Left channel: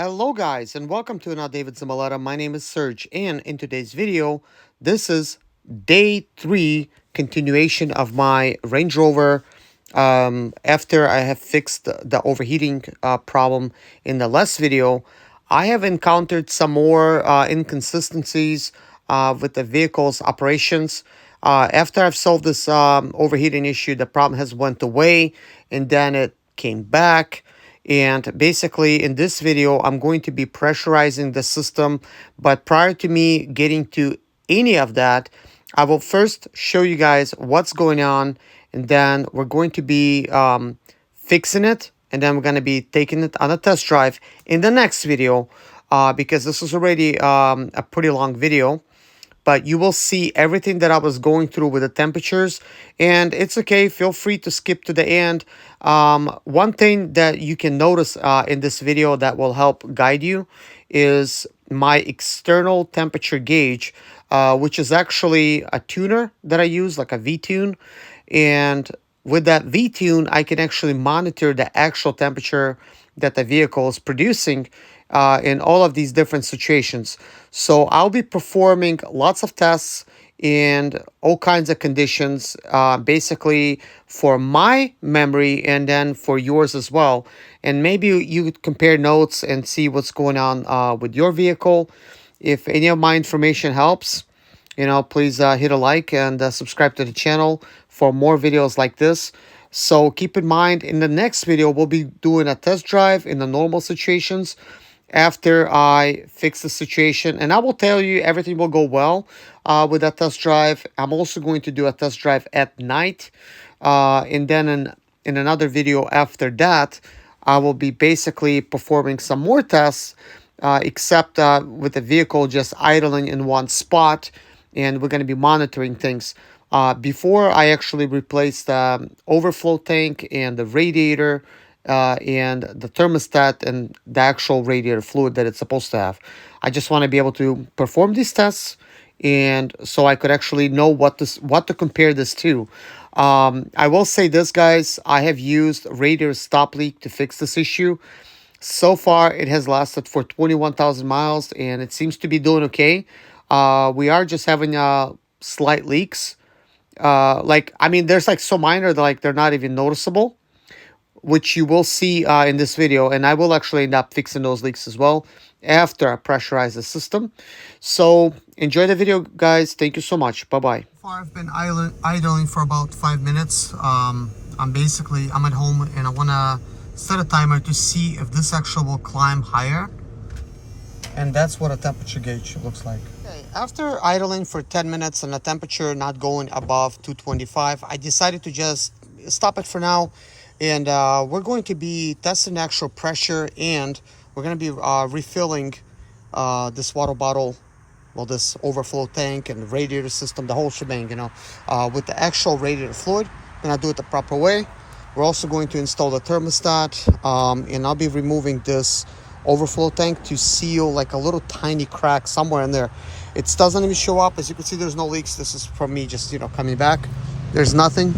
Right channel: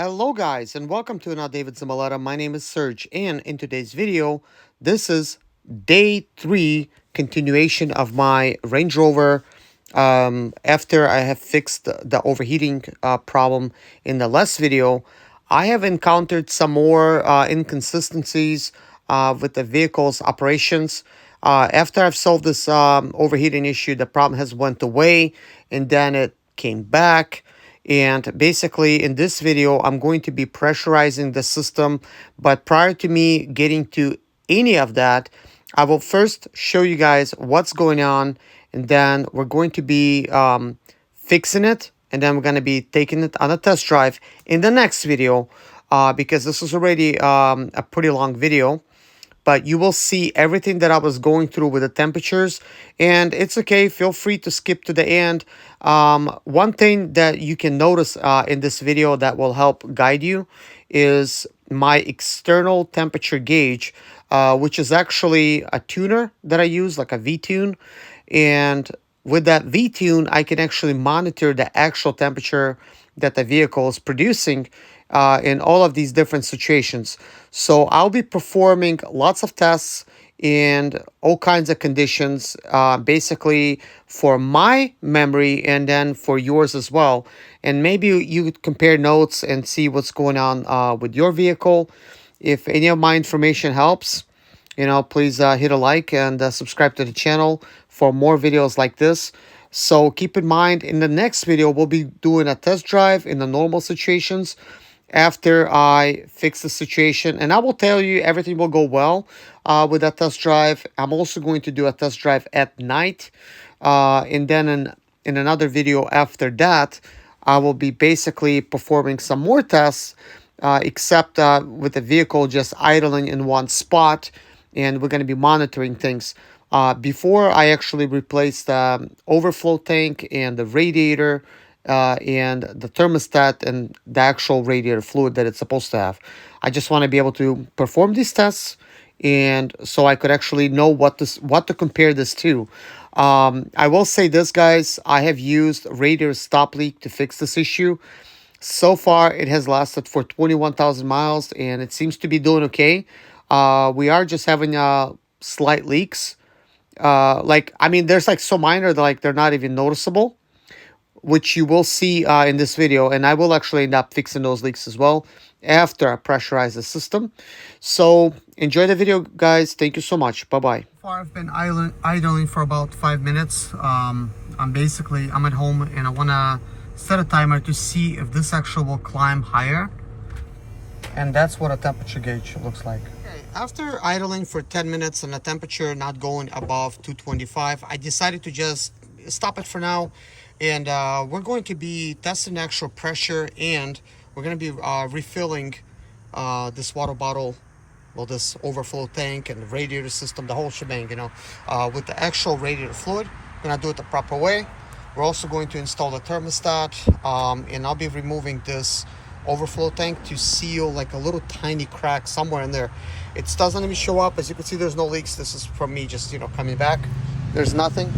Hello guys and welcome to another David Zamaleta. My name is Serge and in today's video, this is day 3 continuation of my Range Rover after I have fixed the overheating problem in the last video. I have encountered some more inconsistencies with the vehicle's operations. After I've solved this overheating issue, the problem has went away and then it came back. And basically in this video, I'm going to be pressurizing the system. But prior to me getting to any of that, I will first show you guys what's going on. And then we're going to be fixing it. And then we're going to be taking it on a test drive in the next video. Because this is already a pretty long video. But you will see everything that I was going through with the temperatures, and it's okay. Feel free to skip to the end. One thing that you can notice in this video that will help guide you is my external temperature gauge, which is actually a tuner that I use, like a V-tune. And with that V-tune, I can actually monitor the actual temperature that the vehicle is producing in all of these different situations. So I'll be performing lots of tests in all kinds of conditions, basically for my memory and then for yours as well. And maybe you could compare notes and see what's going on with your vehicle. If any of my information helps, please hit a like and subscribe to the channel for more videos like this. So keep in mind, in the next video, we'll be doing a test drive in the normal situations after I fix the situation. And I will tell you everything will go well with that test drive. I'm also going to do a test drive at night. And then in another video after that, I will be basically performing some more tests, except with the vehicle just idling in one spot. And we're going to be monitoring things. Before I actually replace the overflow tank and the radiator and the thermostat and the actual radiator fluid that it's supposed to have. I just want to be able to perform these tests, and so I could actually know what to compare this to. I will say this, guys, I have used radiator stop leak to fix this issue. So far, it has lasted for 21,000 miles, and it seems to be doing okay. We are just having slight leaks. There's like so minor that like they're not even noticeable, which you will see in this video. And I will actually end up fixing those leaks as well after I pressurize the system. So enjoy the video, guys. Thank you so much. Bye-bye. I've been idling for about 5 minutes. I'm at home and I want to set a timer to see if this actually will climb higher. And that's what a temperature gauge looks like. Okay, after idling for 10 minutes and the temperature not going above 225, I decided to just stop it for now. And we're going to be testing the actual pressure, and we're going to be refilling this water bottle, well, this overflow tank and the radiator system, the whole shebang, with the actual radiator fluid. We're going to do it the proper way. We're also going to install the thermostat, and I'll be removing this overflow tank to seal like a little tiny crack somewhere in there. It doesn't even show up. As you can see, there's no leaks. This is from me just coming back. There's nothing.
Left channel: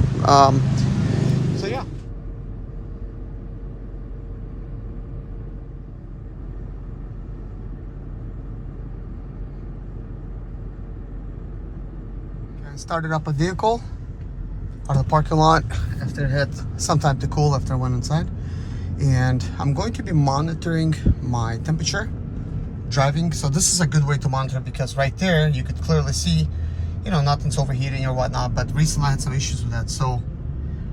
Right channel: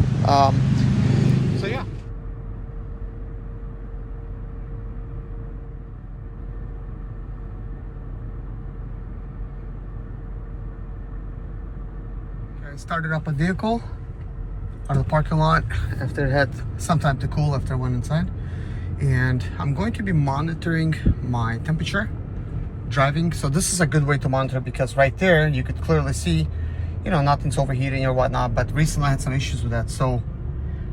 So yeah. I started up a vehicle out of the parking lot after it had some time to cool after I went inside. And I'm going to be monitoring my temperature driving. So this is a good way to monitor, because right there you could clearly see, nothing's overheating or whatnot. But recently I had some issues with that. So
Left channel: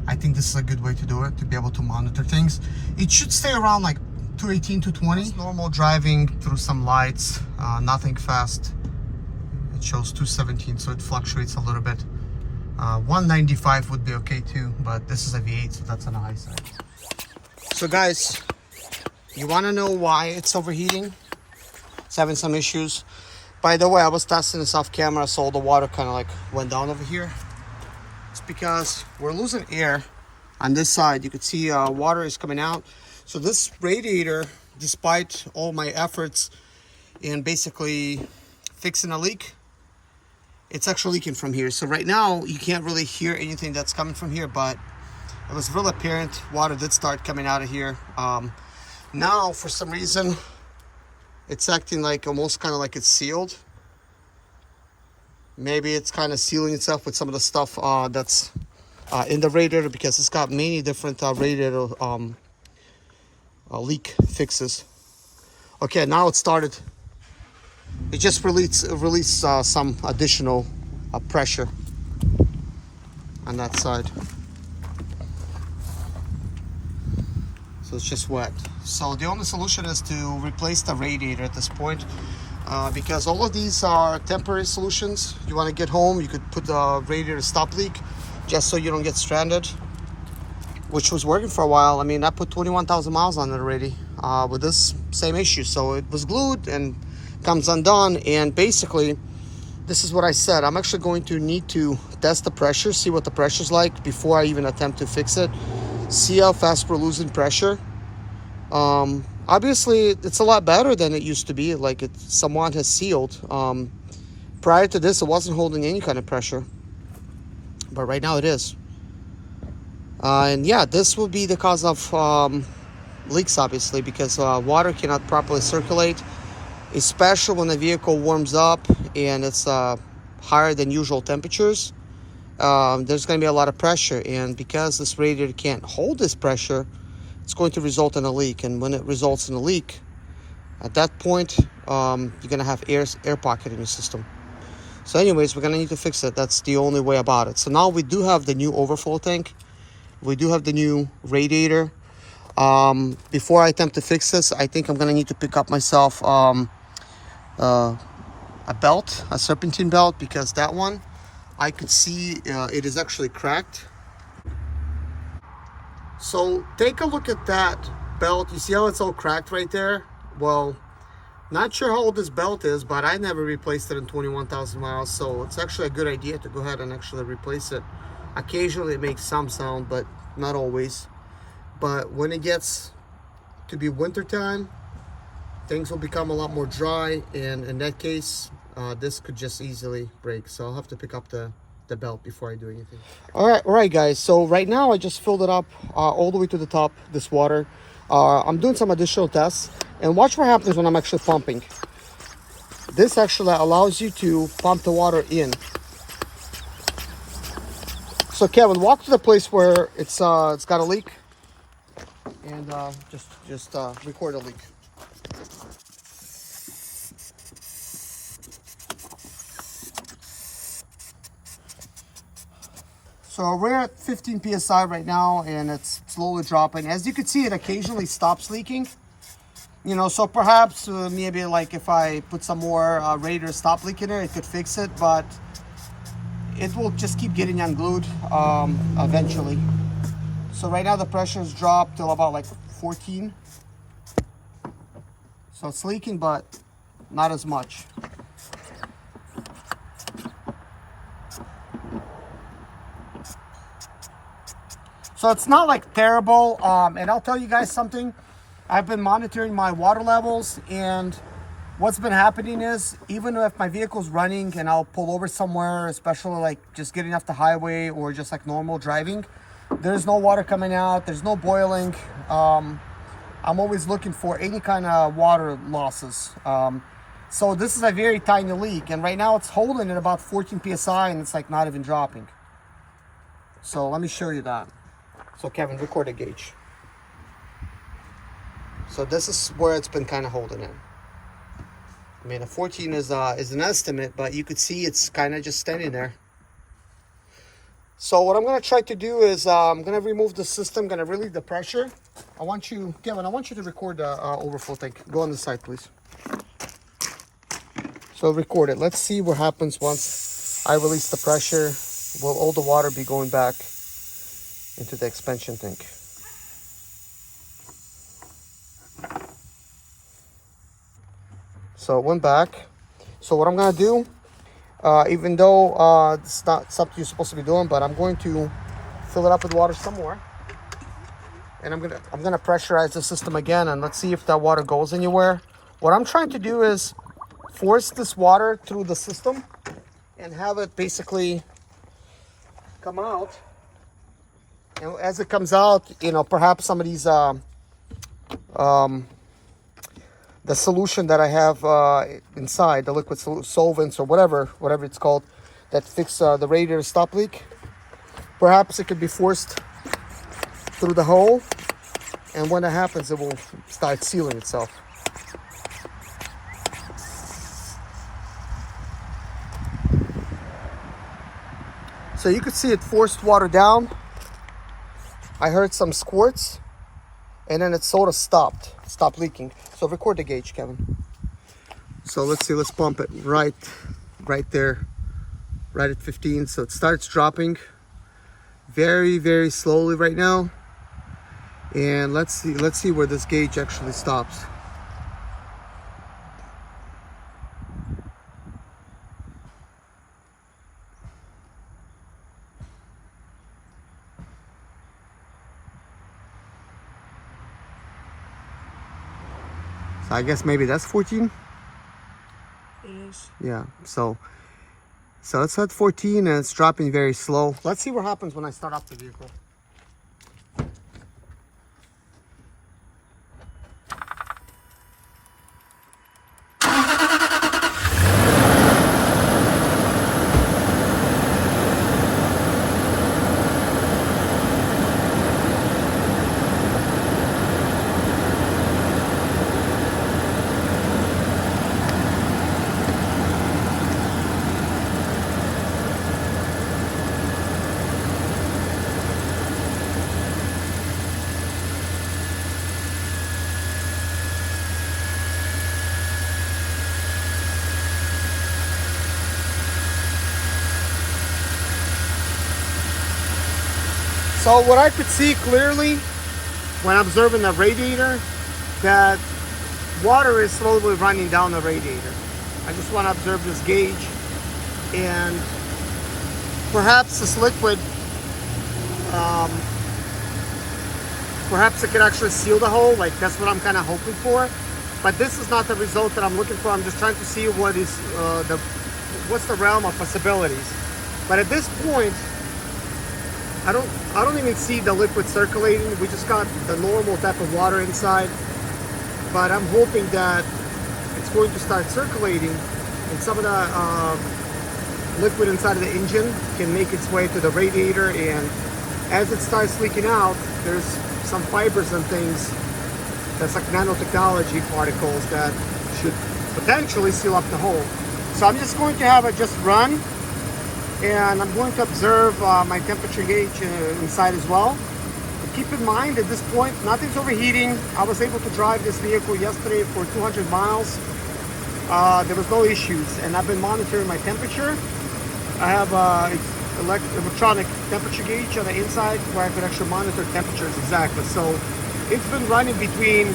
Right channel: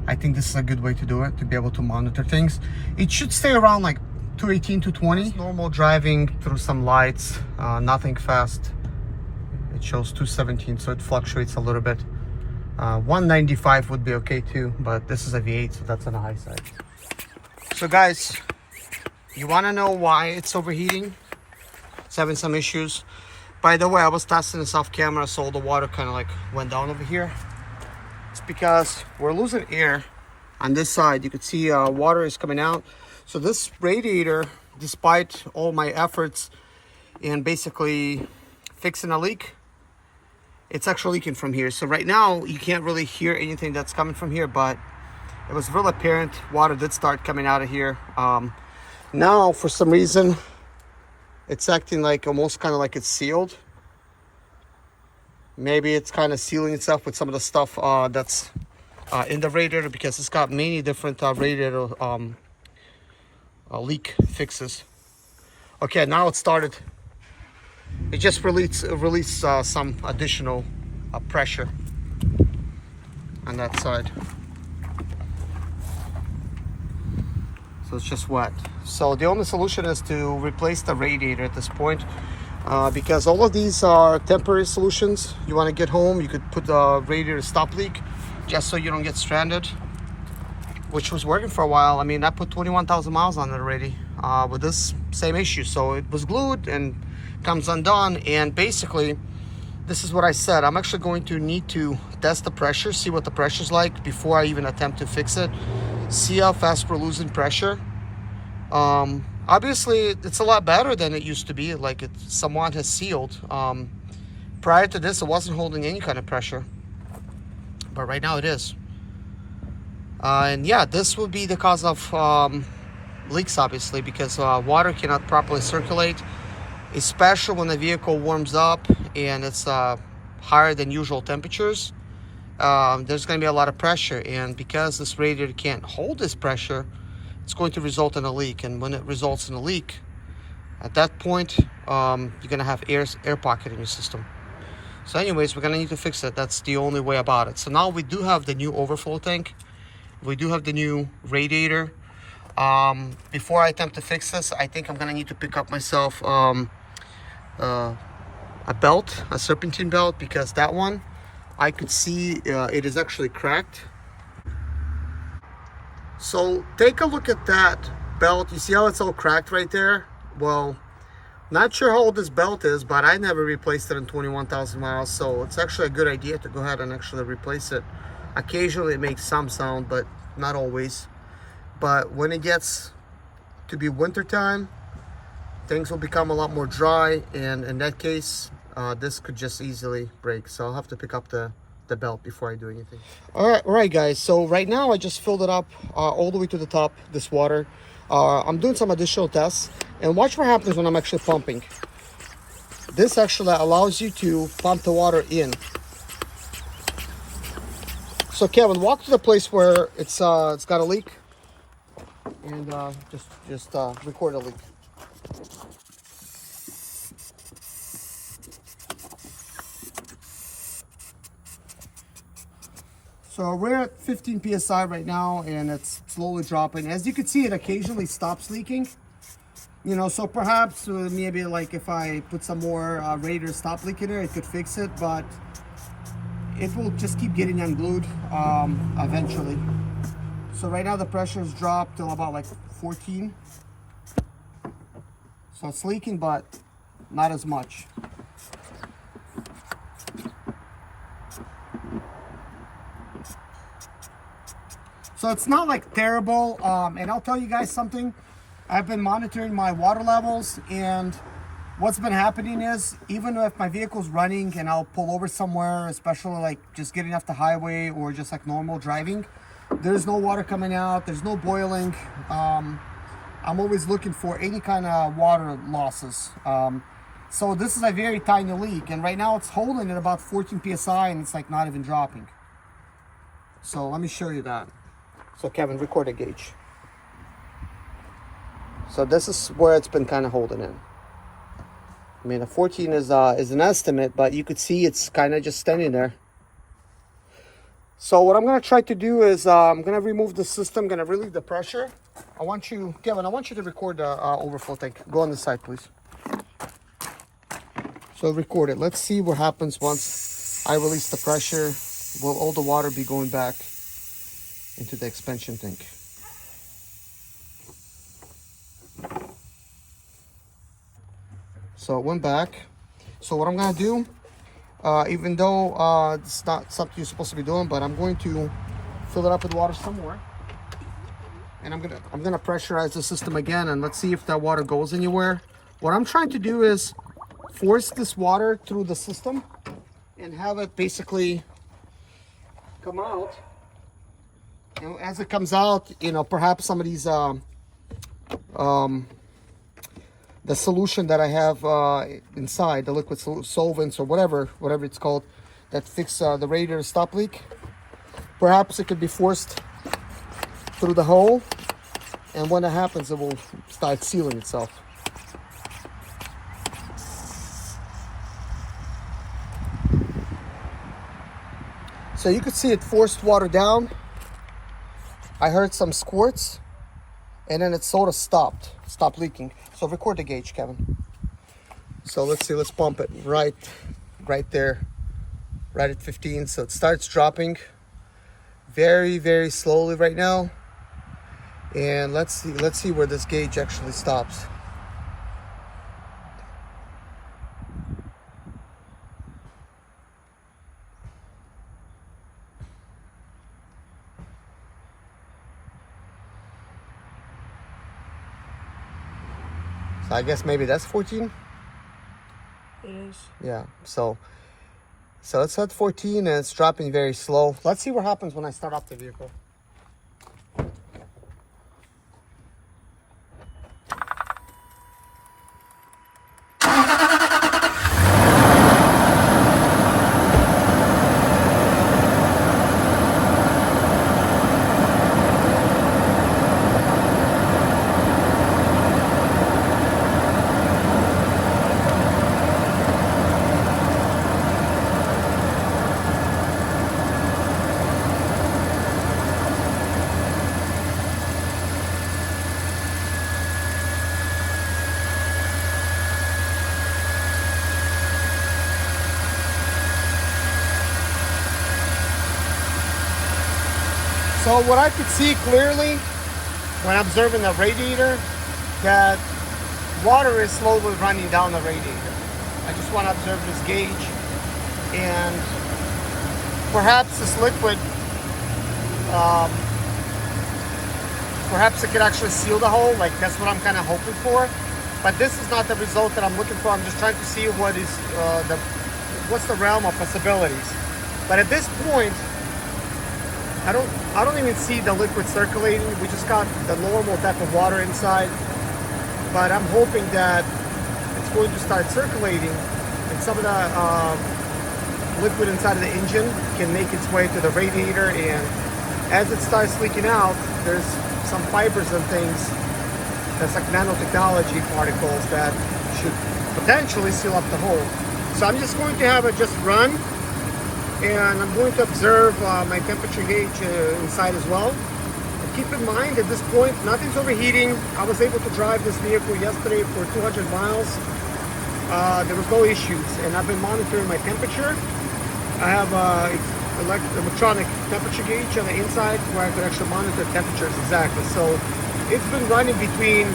I think this is a good way to do it, to be able to monitor things. It should stay around like 218, 220. Normal driving through some lights, nothing fast. It shows 217, so it fluctuates a little bit. 195 would be okay too, but this is a V8, so that's on the high side. So guys, you want to know why it's overheating? It's having some issues. By the way, I was testing this off camera, so the water kind of like went down over here. It's because we're losing air on this side. You can see water is coming out. So this radiator, despite all my efforts in basically fixing a leak, it's actually leaking from here. So right now you can't really hear anything that's coming from here, but it was real apparent water did start coming out of here. Now for some reason It's acting like almost kind of like it's sealed. Maybe it's kind of sealing itself with some of the stuff that's in the radiator, because it's got many different radiator leak fixes. Okay, now it started. It just released some additional pressure on that side. So it's just wet. So the only solution is to replace the radiator at this point, because all of these are temporary solutions. You want to get home, you could put the radiator stop leak just so you don't get stranded, which was working for a while. I mean, I put 21,000 miles on it already with this same issue. So it was glued and comes undone. And basically, this is what I said. I'm actually going to need to test the pressure, see what the pressure's like before I even attempt to fix it. See how fast we're losing pressure. Obviously, it's a lot better than it used to be. Like it somewhat has sealed. Prior to this, it wasn't holding any kind of pressure, but right now it is. And yeah, this will be the cause of leaks, obviously, because water cannot properly circulate, especially when the vehicle warms up and it's higher than usual temperatures. There's going to be a lot of pressure, and because this radiator can't hold this pressure, it's going to result in a leak. And when it results in a leak, at that point, you're going to have air pocket in your system. So anyways, we're going to need to fix it. That's the only way about it. So now we do have the new overflow tank. We do have the new radiator. Before I attempt to fix this, I think I'm going to need to pick up myself a belt, a serpentine belt, because that one, I could see it is actually cracked. So take a look at that belt. You see how it's all cracked right there? Well, not sure how old this belt is, but I never replaced it in 21,000 miles. So it's actually a good idea to go ahead and actually replace it. Occasionally it makes some sound, but not always. But when it gets to be winter time, things will become a lot more dry, and in that case, this could just easily break. So I'll have to pick up the belt before I do anything. All right, guys. So right now I just filled it up all the way to the top, this water. I'm doing some additional tests, and watch what happens when I'm actually pumping. This actually allows you to pump the water in. So Kevin, walk to the place where it's got a leak, and just record a leak. So we're at 15 psi right now, and it's slowly dropping. As you can see, it occasionally stops leaking. You know, so perhaps maybe like if I put some more radiator stop leak in there, it could fix it, but it will just keep getting unglued eventually. So right now the pressure has dropped till about like 14. So it's leaking, but not as much. So it's not like terrible. And I'll tell you guys something. I've been monitoring my water levels, and what's been happening is, even if my vehicle's running and I'll pull over somewhere, especially like just getting off the highway or just like normal driving, there's no water coming out, there's no boiling. I'm always looking for any kind of water losses. So this is a very tiny leak, and right now it's holding at about 14 psi, and it's like not even dropping. So let me show you that. So Kevin, record a gauge. So this is where it's been kind of holding in. I mean, a 14 is an estimate, but you could see it's kind of just standing there. So what I'm going to try to do is I'm going to remove the system, I'm going to relieve the pressure. I want you, Kevin, I want you to record the overflow tank. Go on the side, please. So record it. Let's see what happens once I release the pressure. Will all the water be going back into the expansion tank? So it went back. So what I'm going to do, even though it's not something you're supposed to be doing, but I'm going to fill it up with water some more. And I'm gonna pressurize the system again, and let's see if that water goes anywhere. What I'm trying to do is force this water through the system and have it basically come out. And as it comes out, you know, perhaps some of these the solution that I have inside, the liquid solvents or whatever it's called, that fix the radiator stop leak. Perhaps it could be forced through the hole, and when that happens, it will start sealing itself. So you could see it forced water down. I heard some squirts, and then it sort of stopped leaking. So record the gauge, Kevin. So let's see, let's pump it right there, right at 15. So it starts dropping very, very slowly right now. And let's see where this gauge actually stops. So I guess maybe that's 14. It is. Yeah, so it's at 14 and it's dropping very slow. Let's see what happens when I start up the vehicle. So what I could see clearly when observing the radiator, that water is slowly running down the radiator. I just want to observe this gauge, and perhaps this liquid, perhaps it could actually seal the hole. Like, that's what I'm kind of hoping for. But this is not the result that I'm looking for. I'm just trying to see what is what's the realm of possibilities. But at this point, I don't even see the liquid circulating. We just got the normal type of water inside, but I'm hoping that it's going to start circulating, and some of the liquid inside of the engine can make its way to the radiator, and as it starts leaking out, there's some fibers and things that's like nanotechnology particles that should potentially seal up the hole. So I'm just going to have it just run, and I'm going to observe my temperature gauge inside as well. But keep in mind, at this point, nothing's overheating. I was able to drive this vehicle yesterday for 200 miles. There was no issues, and I've been monitoring my temperature. I have electronic temperature gauge on the inside where I can actually monitor temperatures exactly. So it's been running between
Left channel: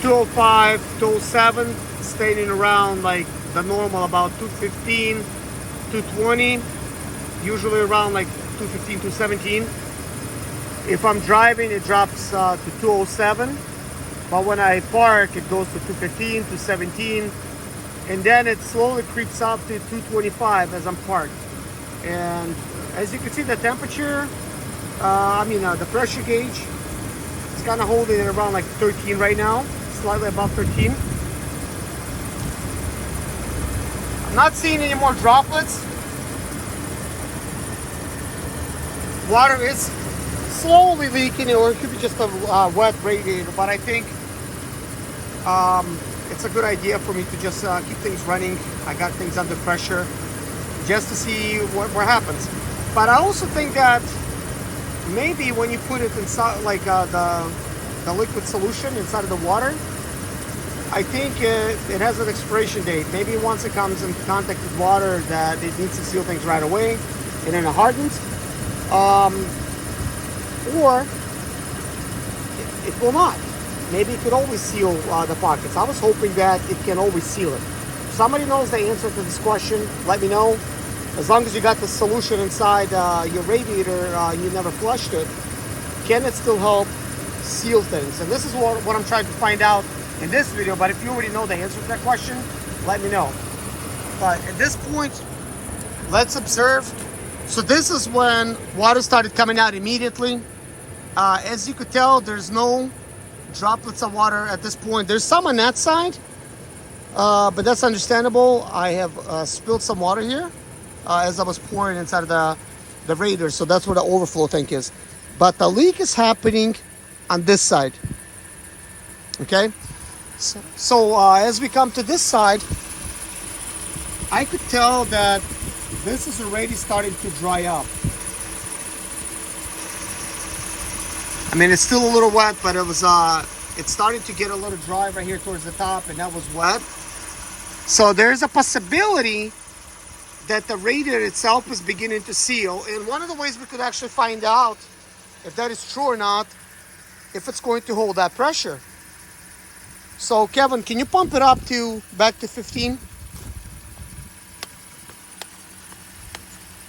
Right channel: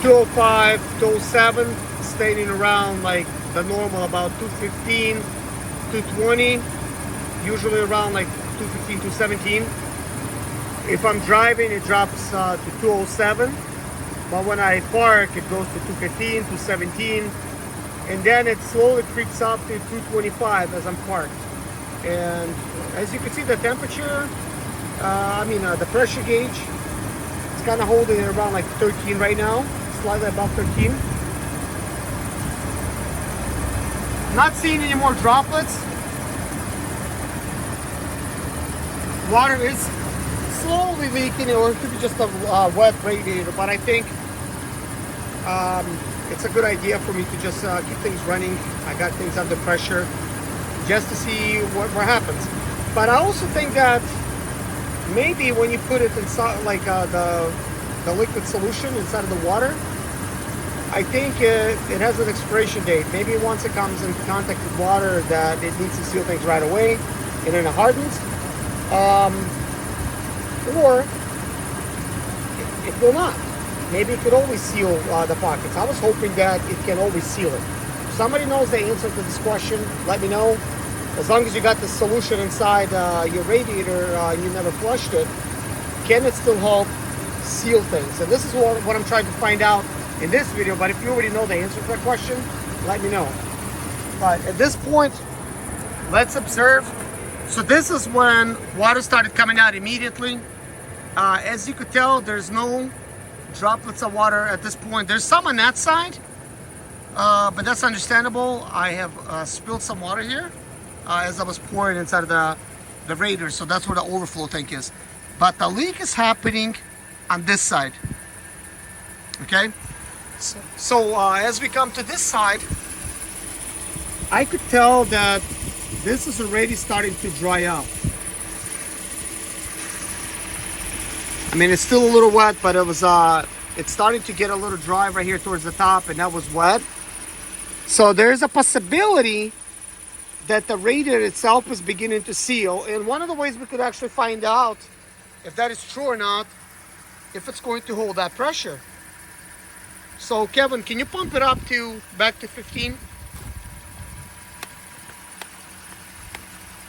205, 207, staying around like the normal, about 215. 220, usually around like 215, 217. If I'm driving, it drops to 207, but when I park, it goes to 215, 217, and then it slowly creeps up to 225 as I'm parked. And as you can see, the temperature, the pressure gauge, it's kind of holding it around like 13 right now, slightly above 13. Not seeing any more droplets. Water is slowly leaking, or it could be just a wet radiator, but I think it's a good idea for me to just keep things running. I got things under pressure just to see what happens. But I also think that maybe when you put it inside, like the liquid solution inside of the water, I think it has an expiration date. Maybe once it comes in contact with water, that it needs to seal things right away, and then it hardens. Or it will not. Maybe it could always seal the pockets. I was hoping that it can always seal it. If somebody knows the answer to this question, let me know. As long as you got the solution inside your radiator, you never flushed it, can it still help seal things? And this is what I'm trying to find out in this video. But if you already know the answer to that question, let me know. But at this point, let's observe. So this is when water started coming out immediately. As you could tell, there's no droplets of water at this point. There's some on that side, but that's understandable. I have spilled some water here as I was pouring inside of the radiator, so that's where the overflow tank is. But the leak is happening on this side. Okay, so as we come to this side, I could tell that this is already starting to dry up. I mean, it's still a little wet, but it's starting to get a little dry right here towards the top, and that was wet. So there's a possibility that the radiator itself is beginning to seal. And one of the ways we could actually find out if that is true or not, if it's going to hold that pressure. So Kevin, can you pump it up to back to 15?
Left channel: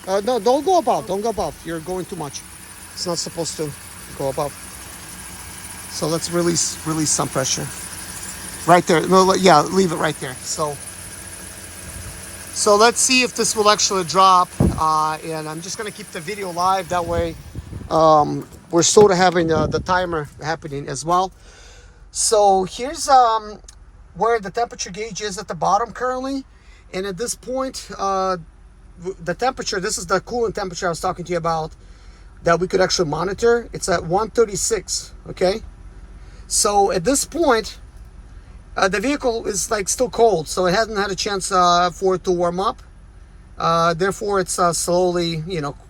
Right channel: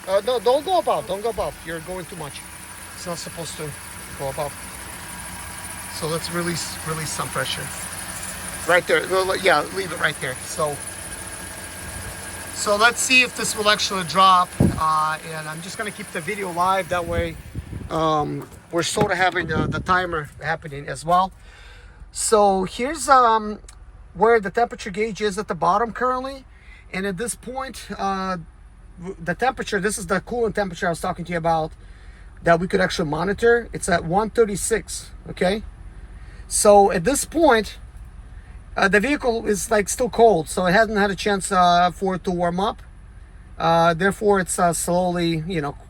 No, don't go above. Don't go above. You're going too much. It's not supposed to go above. So let's release some pressure. Right there. No, yeah, leave it right there. So let's see if this will actually drop. And I'm just gonna keep the video live. That way, we're sort of having the timer happening as well. So here's where the temperature gauge is at the bottom currently, and at this point, the temperature. This is the coolant temperature I was talking to you about that we could actually monitor. It's at 136. Okay, so at this point, the vehicle is like still cold, so it hasn't had a chance for it to warm up. Therefore, it's slowly,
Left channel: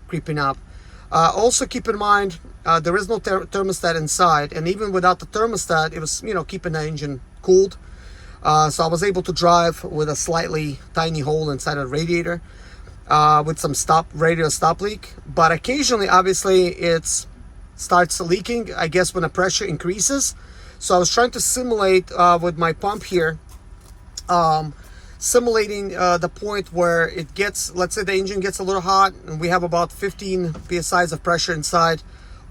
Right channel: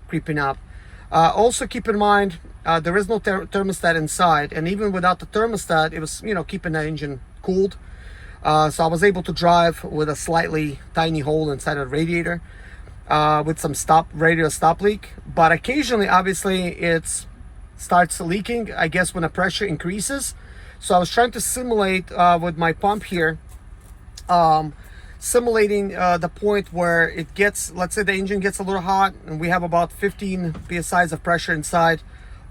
creeping up. Also, keep in mind there is no thermostat inside, and even without the thermostat, it was keeping the engine cooled. So I was able to drive with a slightly tiny hole inside of the radiator with some radiator stop leak. But occasionally, obviously, it starts leaking, I guess, when the pressure increases. So I was trying to simulate with my pump here, simulating the point where it gets, let's say the engine gets a little hot and we have about 15 psi of pressure inside,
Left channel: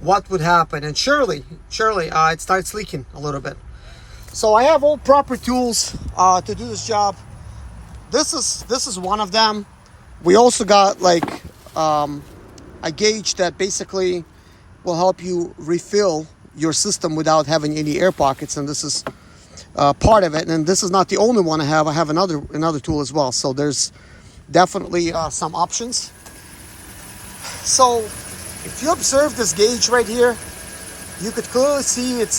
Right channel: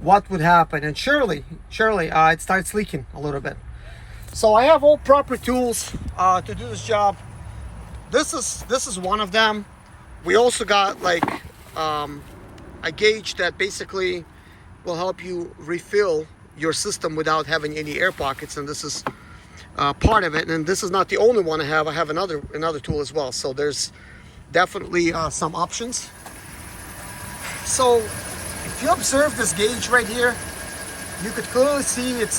what would happen? And surely it starts leaking a little bit. So I have all proper tools to do this job. This is one of them. We also got like a gauge that basically will help you refill your system without having any air pockets, and this is part of it. And this is not the only one I have. I have another tool as well. So there's definitely some options. So if you observe this gauge right here, you could clearly see it's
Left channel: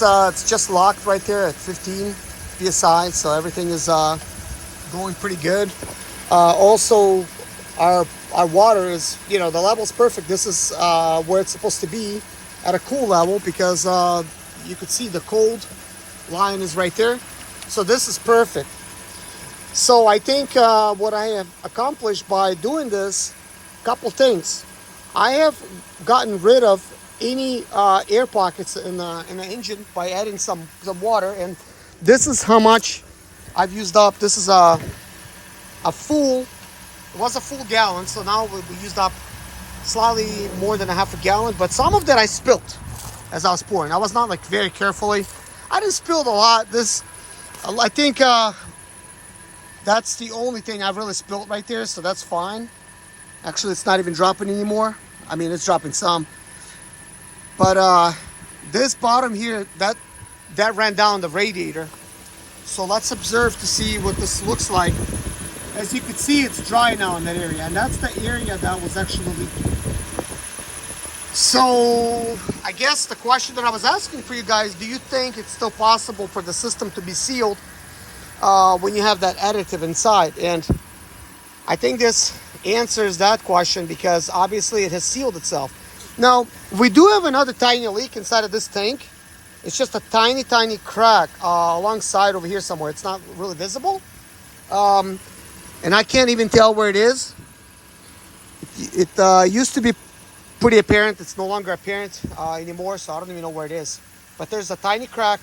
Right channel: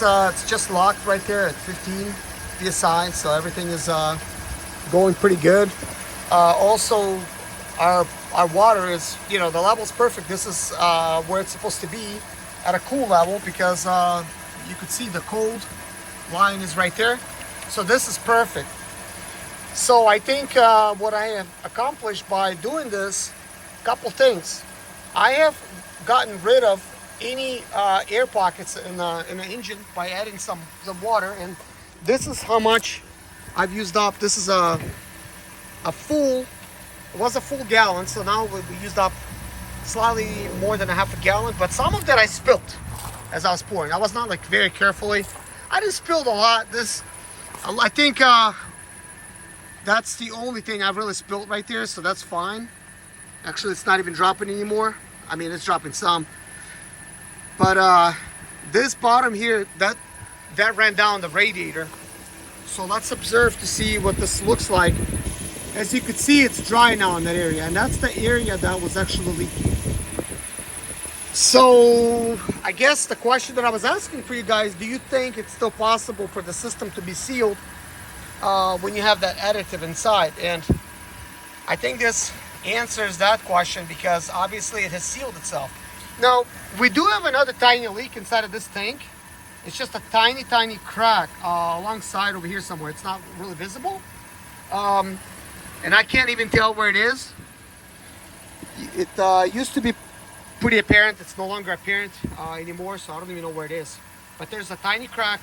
just locked right there at 15 psi. So everything is going pretty good. Also, our water is, the level's perfect. This is where it's supposed to be at a cool level, because you could see the cold line is right there. So this is perfect. So I think what I have accomplished by doing this, couple things. I have gotten rid of any air pockets in the engine by adding some water, and this is how much I've used up. This is a full, it was a full gallon, so now we used up slightly more than a half a gallon, but some of that I spilled as I was pouring. I was not like very carefully. I didn't spill a lot. I think that's the only thing I really spilled right there, so that's fine. Actually, it's not even dropping anymore. I mean, it's dropping some, but this bottom here, that ran down the radiator. So let's observe to see what this looks like. As you can see, it's dry now in that area, and that's the area that was actually leaking. So I guess the question that I was asking for you guys, do you think it's still possible for the system to be sealed when you have that additive inside? And I think this answers that question, because obviously it has sealed itself. Now, we do have another tiny leak inside of this tank. It's just a tiny crack alongside over here somewhere. It's not really visible. And I can't even tell where it is. It used to be pretty apparent. It's no longer apparent anymore, so I don't even know where it is. But there's a tiny crack,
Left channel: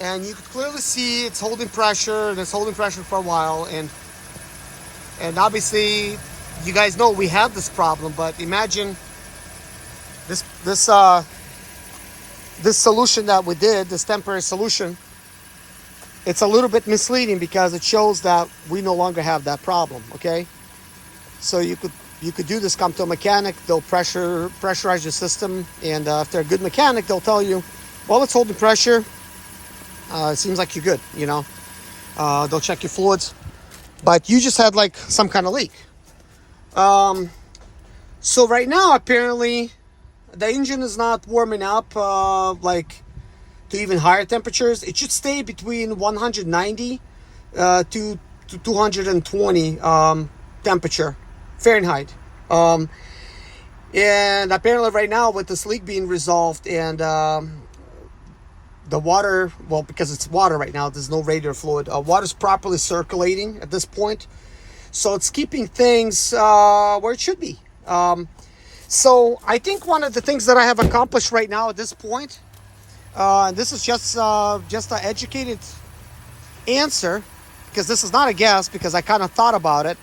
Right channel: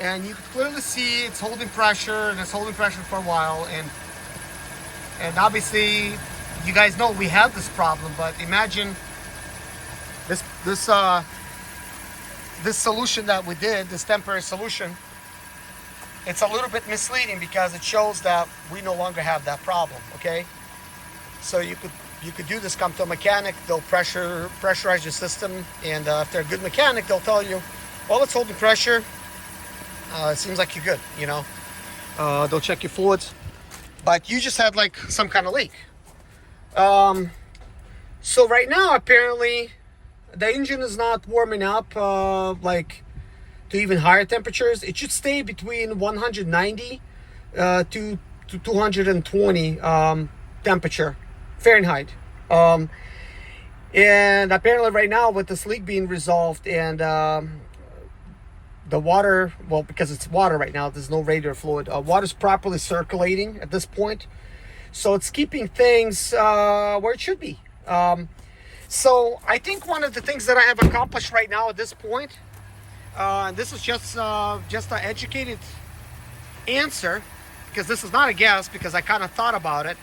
and you can clearly see it's holding pressure, and it's holding pressure for a while. And obviously, you guys know we have this problem, but imagine this solution that we did, this temporary solution. It's a little bit misleading because it shows that we no longer have that problem. Okay, so you could do this. Come to a mechanic, they'll pressurize your system, and if they're a good mechanic, they'll tell you Well, it's holding pressure. It seems like you're good, you know. They'll check your fluids, but you just had like some kind of leak. So right now, apparently, the engine is not warming up like to even higher temperatures. It should stay between 190 to 220 temperature Fahrenheit. And apparently right now with this leak being resolved and the water, well, because it's water right now, there's no radiator fluid. Water's properly circulating at this point. So it's keeping things where it should be. So I think one of the things that I have accomplished right now at this point, and this is just an educated answer, because this is not a guess, because I kind of thought about it.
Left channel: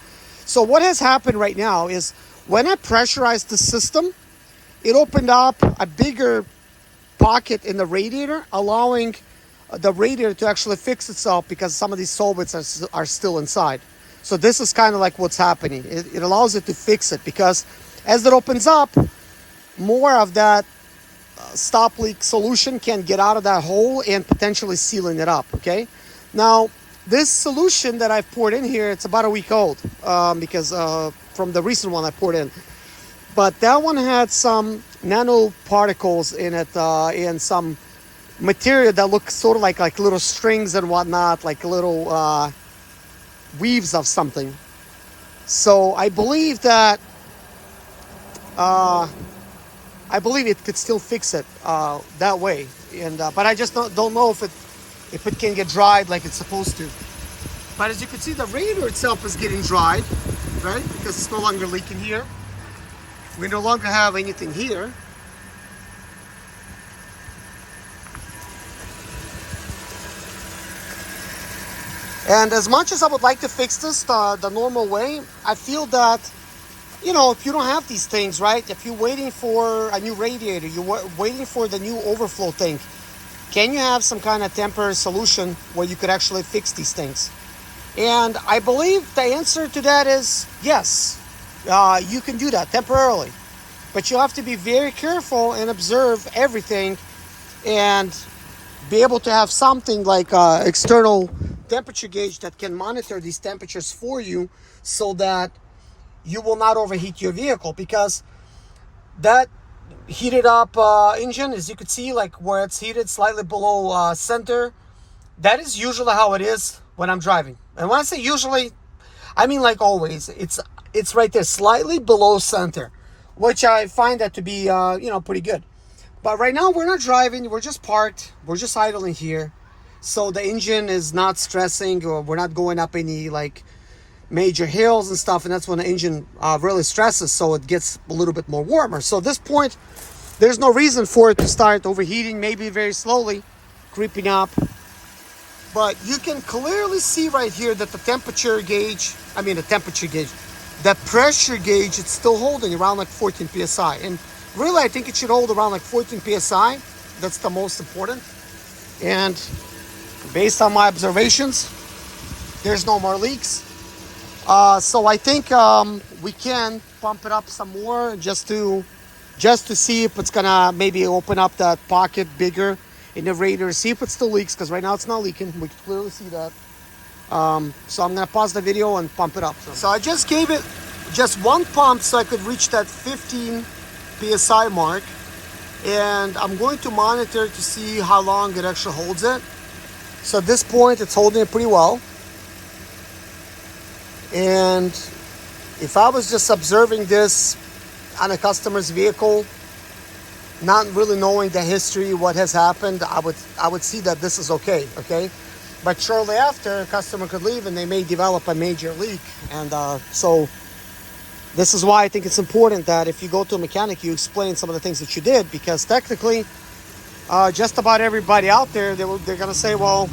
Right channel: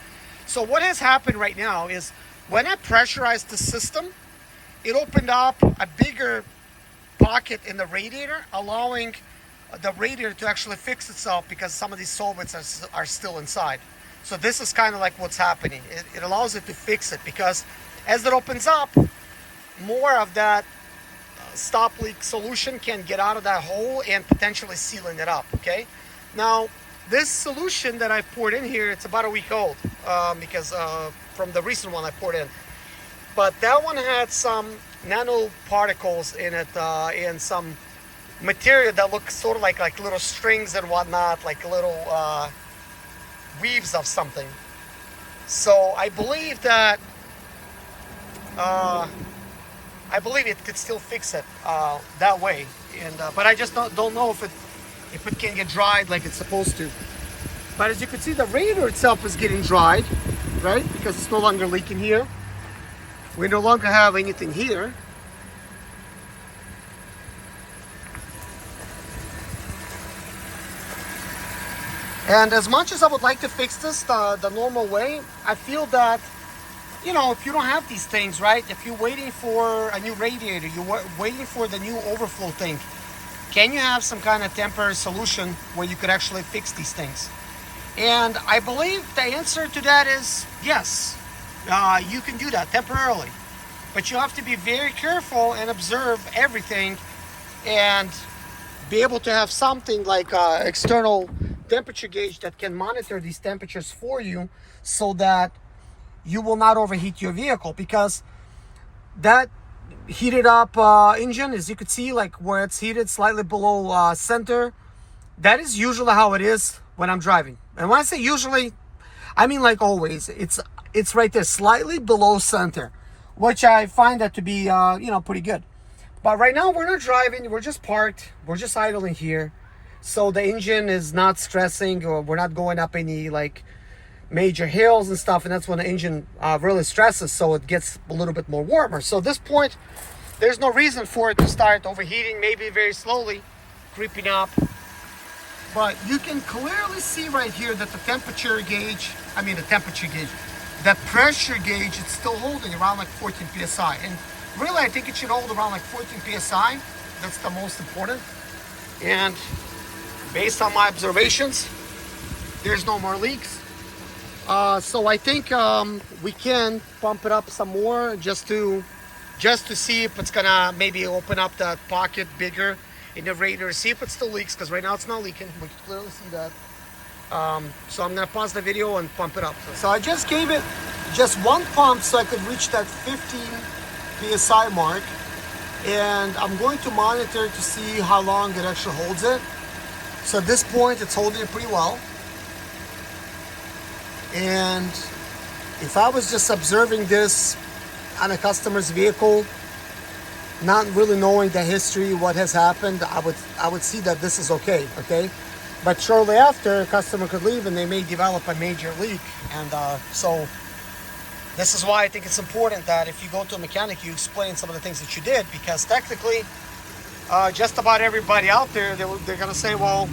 So what has happened right now is when I pressurized the system, it opened up a bigger pocket in the radiator, allowing the radiator to actually fix itself because some of these solvents are still inside. So this is kind of like what's happening. It allows it to fix it because as it opens up, more of that stop leak solution can get out of that hole and potentially sealing it up, okay? Now, this solution that I poured in here, it's about a week old because from the recent one I poured in. But that one had some nanoparticles in it and some material that looks sort of like little strings and whatnot, like little weaves of something. So I believe that it could still fix it that way. And but I just don't know if it can get dried like it's supposed to. But as you can see, the radiator itself is getting dried, right? Because it's no longer leaking here. We no longer have anything here. And as much as I would like to fix this the normal way, I feel that, you know, if you don't have these things, right? If you're waiting for a new radiator, you're waiting for the new overflow thing, can you have some kind of temporary solution where you could actually fix these things? And I believe the answer to that is yes. You can do that temporarily. But you have to be very careful and observe everything and be able to have something like an external temperature gauge that can monitor these temperatures for you so that you will not overheat your vehicle, because that heated up engine, as you can see, like where it's heated slightly below center, that is usually how it is when I'm driving. And when I say usually, I mean like always. It's right there, slightly below center, which I find that to be pretty good. But right now we're not driving, we're just parked, we're just idling here. So the engine is not stressing, or we're not going up any like major hills and stuff, and that's when the engine really stresses, so it gets a little bit more warmer. So at this point, there's no reason for it to start overheating, maybe very slowly creeping up. But you can clearly see right here that the pressure gauge, it's still holding around like 14 psi. And really, I think it should hold around like 14 psi. That's the most important. And based on my observations, there's no more leaks. So I think we can pump it up some more just to see if it's gonna maybe open up that pocket bigger in the radiator, see if it still leaks, because right now it's not leaking. We can clearly see that. So I'm gonna pause the video and pump it up. So I just gave it just one pump so I could reach that 15 psi mark, and I'm going to monitor to see how long it actually holds it. So at this point, it's holding it pretty well. And if I was just observing this on a customer's vehicle, not really knowing the history, what has happened, I would see that this is okay. But shortly after, a customer could leave and they may develop a major leak. And so this is why I think it's important that if you go to a mechanic, you explain some of the things that you did, because technically, just about everybody out there, they're gonna say, well,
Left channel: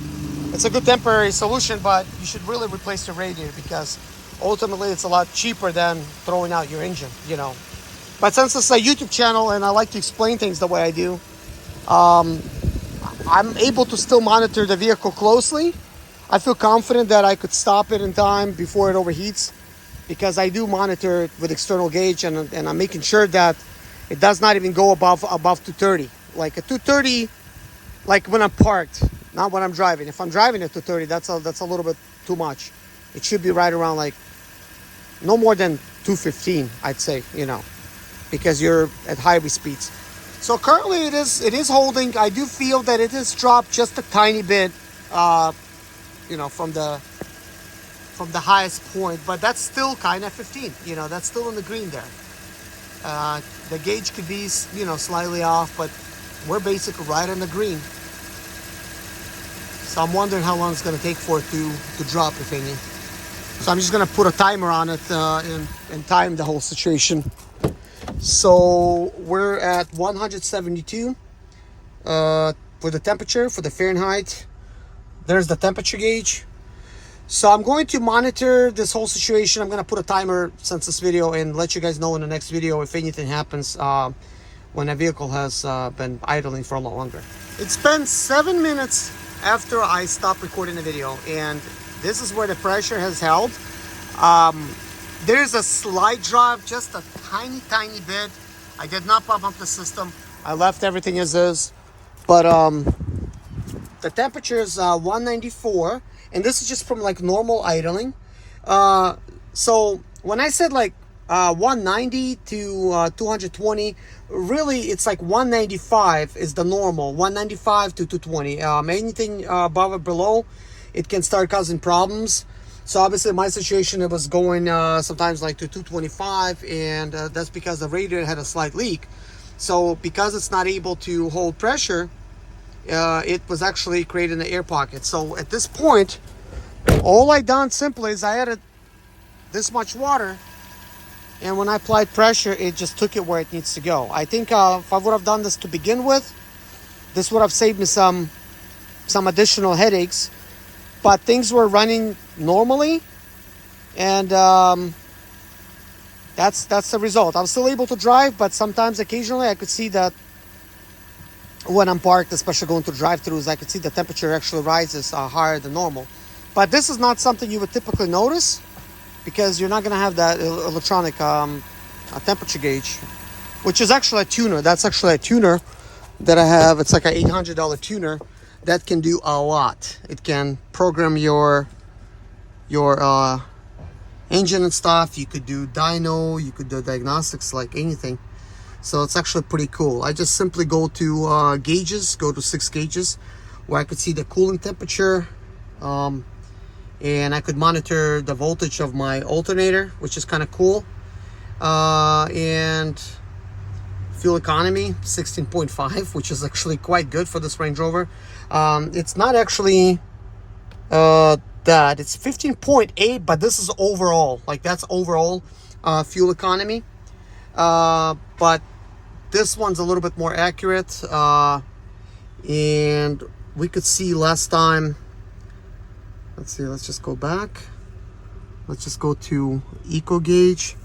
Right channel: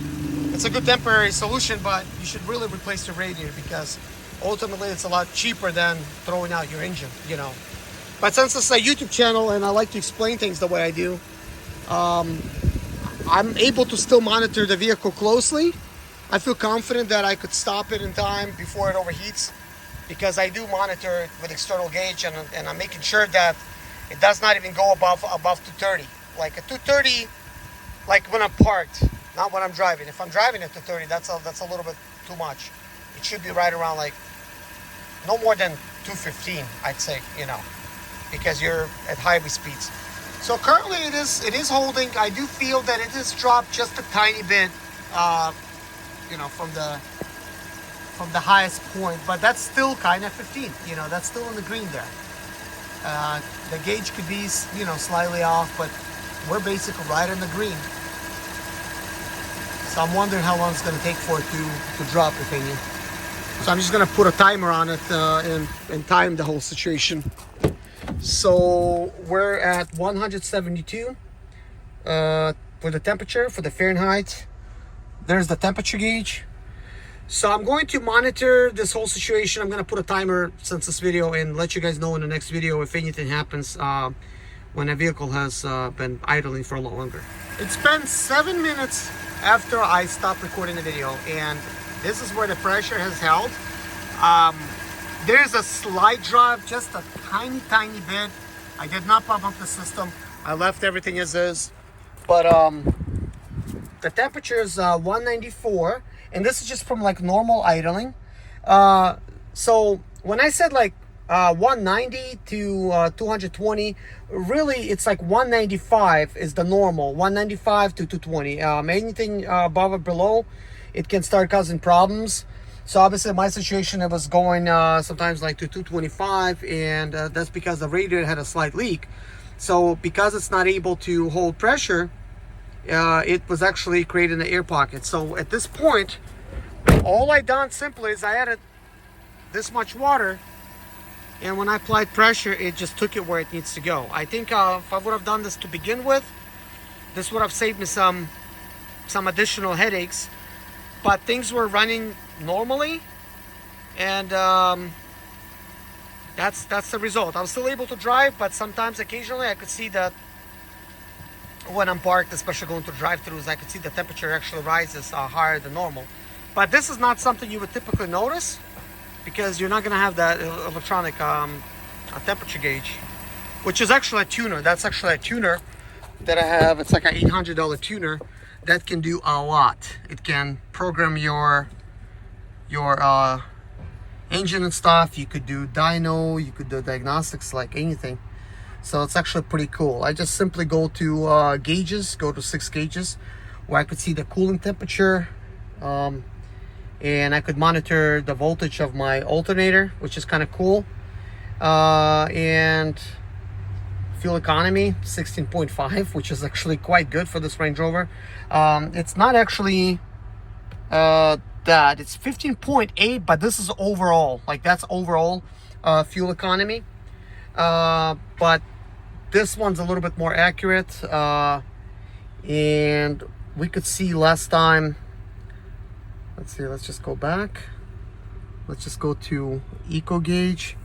it's a good temporary solution, but you should really replace your radiator, because ultimately it's a lot cheaper than throwing out your engine, you know. But since it's a YouTube channel and I like to explain things the way I do, I'm able to still monitor the vehicle closely. I feel confident that I could stop it in time before it overheats, because I do monitor it with external gauge, and I'm making sure that it does not even go above 230. Like a 230 like when I'm parked, not when I'm driving. If I'm driving at 230, that's a little bit too much. It should be right around like no more than 215, I'd say, you know, because you're at highway speeds. So currently it is holding. I do feel that it has dropped just a tiny bit, you know, from the highest point, but that's still kind of 15. You know, that's still in the green there. The gauge could be, you know, slightly off, but we're basically right in the green. So I'm wondering how long it's going to take for it to drop, if any. So I'm just going to put a timer on it and time the whole situation. So we're at 172 for the temperature, for the Fahrenheit. There's the temperature gauge. So I'm going to monitor this whole situation. I'm going to put a timer since this video and let you guys know in the next video if anything happens when a vehicle has been idling for a lot longer. It's been 7 minutes after I stopped recording the video, and this is where the pressure has held. There's a slight drop, just a tiny bit. I did not pump up the system. I left everything as is. But the temperature is 194, and this is just from like normal idling. So when I said like 190 to 220, really it's like 195 is the normal, 195 to 220. Anything above or below, it can start causing problems. So obviously in my situation, it was going sometimes like to 225, and that's because the radiator had a slight leak. So because it's not able to hold pressure, it was actually creating an air pocket. So at this point, all I done simply is I added this much water, and when I applied pressure, it just took it where it needs to go. I think if I would have done this to begin with, this would have saved me some additional headaches. But things were running normally, and that's the result. I'm still able to drive, but sometimes occasionally I could see that when I'm parked, especially going to drive-thrus, I could see the temperature actually rises higher than normal. But this is not something you would typically notice, because you're not going to have that electronic temperature gauge, which is actually a tuner. That's actually a tuner that I have. It's like an $800 tuner that can do a lot. It can program your engine and stuff. You could do dyno, you could do diagnostics, like anything. So it's actually pretty cool. I just simply go to gauges, go to 6 gauges, where I could see the cooling temperature, and I could monitor the voltage of my alternator, which is kind of cool. And fuel economy 16.5, which is actually quite good for this Range Rover. It's not actually that, it's 15.8, but this is overall, like that's overall fuel economy. But this one's a little bit more accurate, and we could see last time. Let's see, let's just go back. Let's just go to Eco Gauge.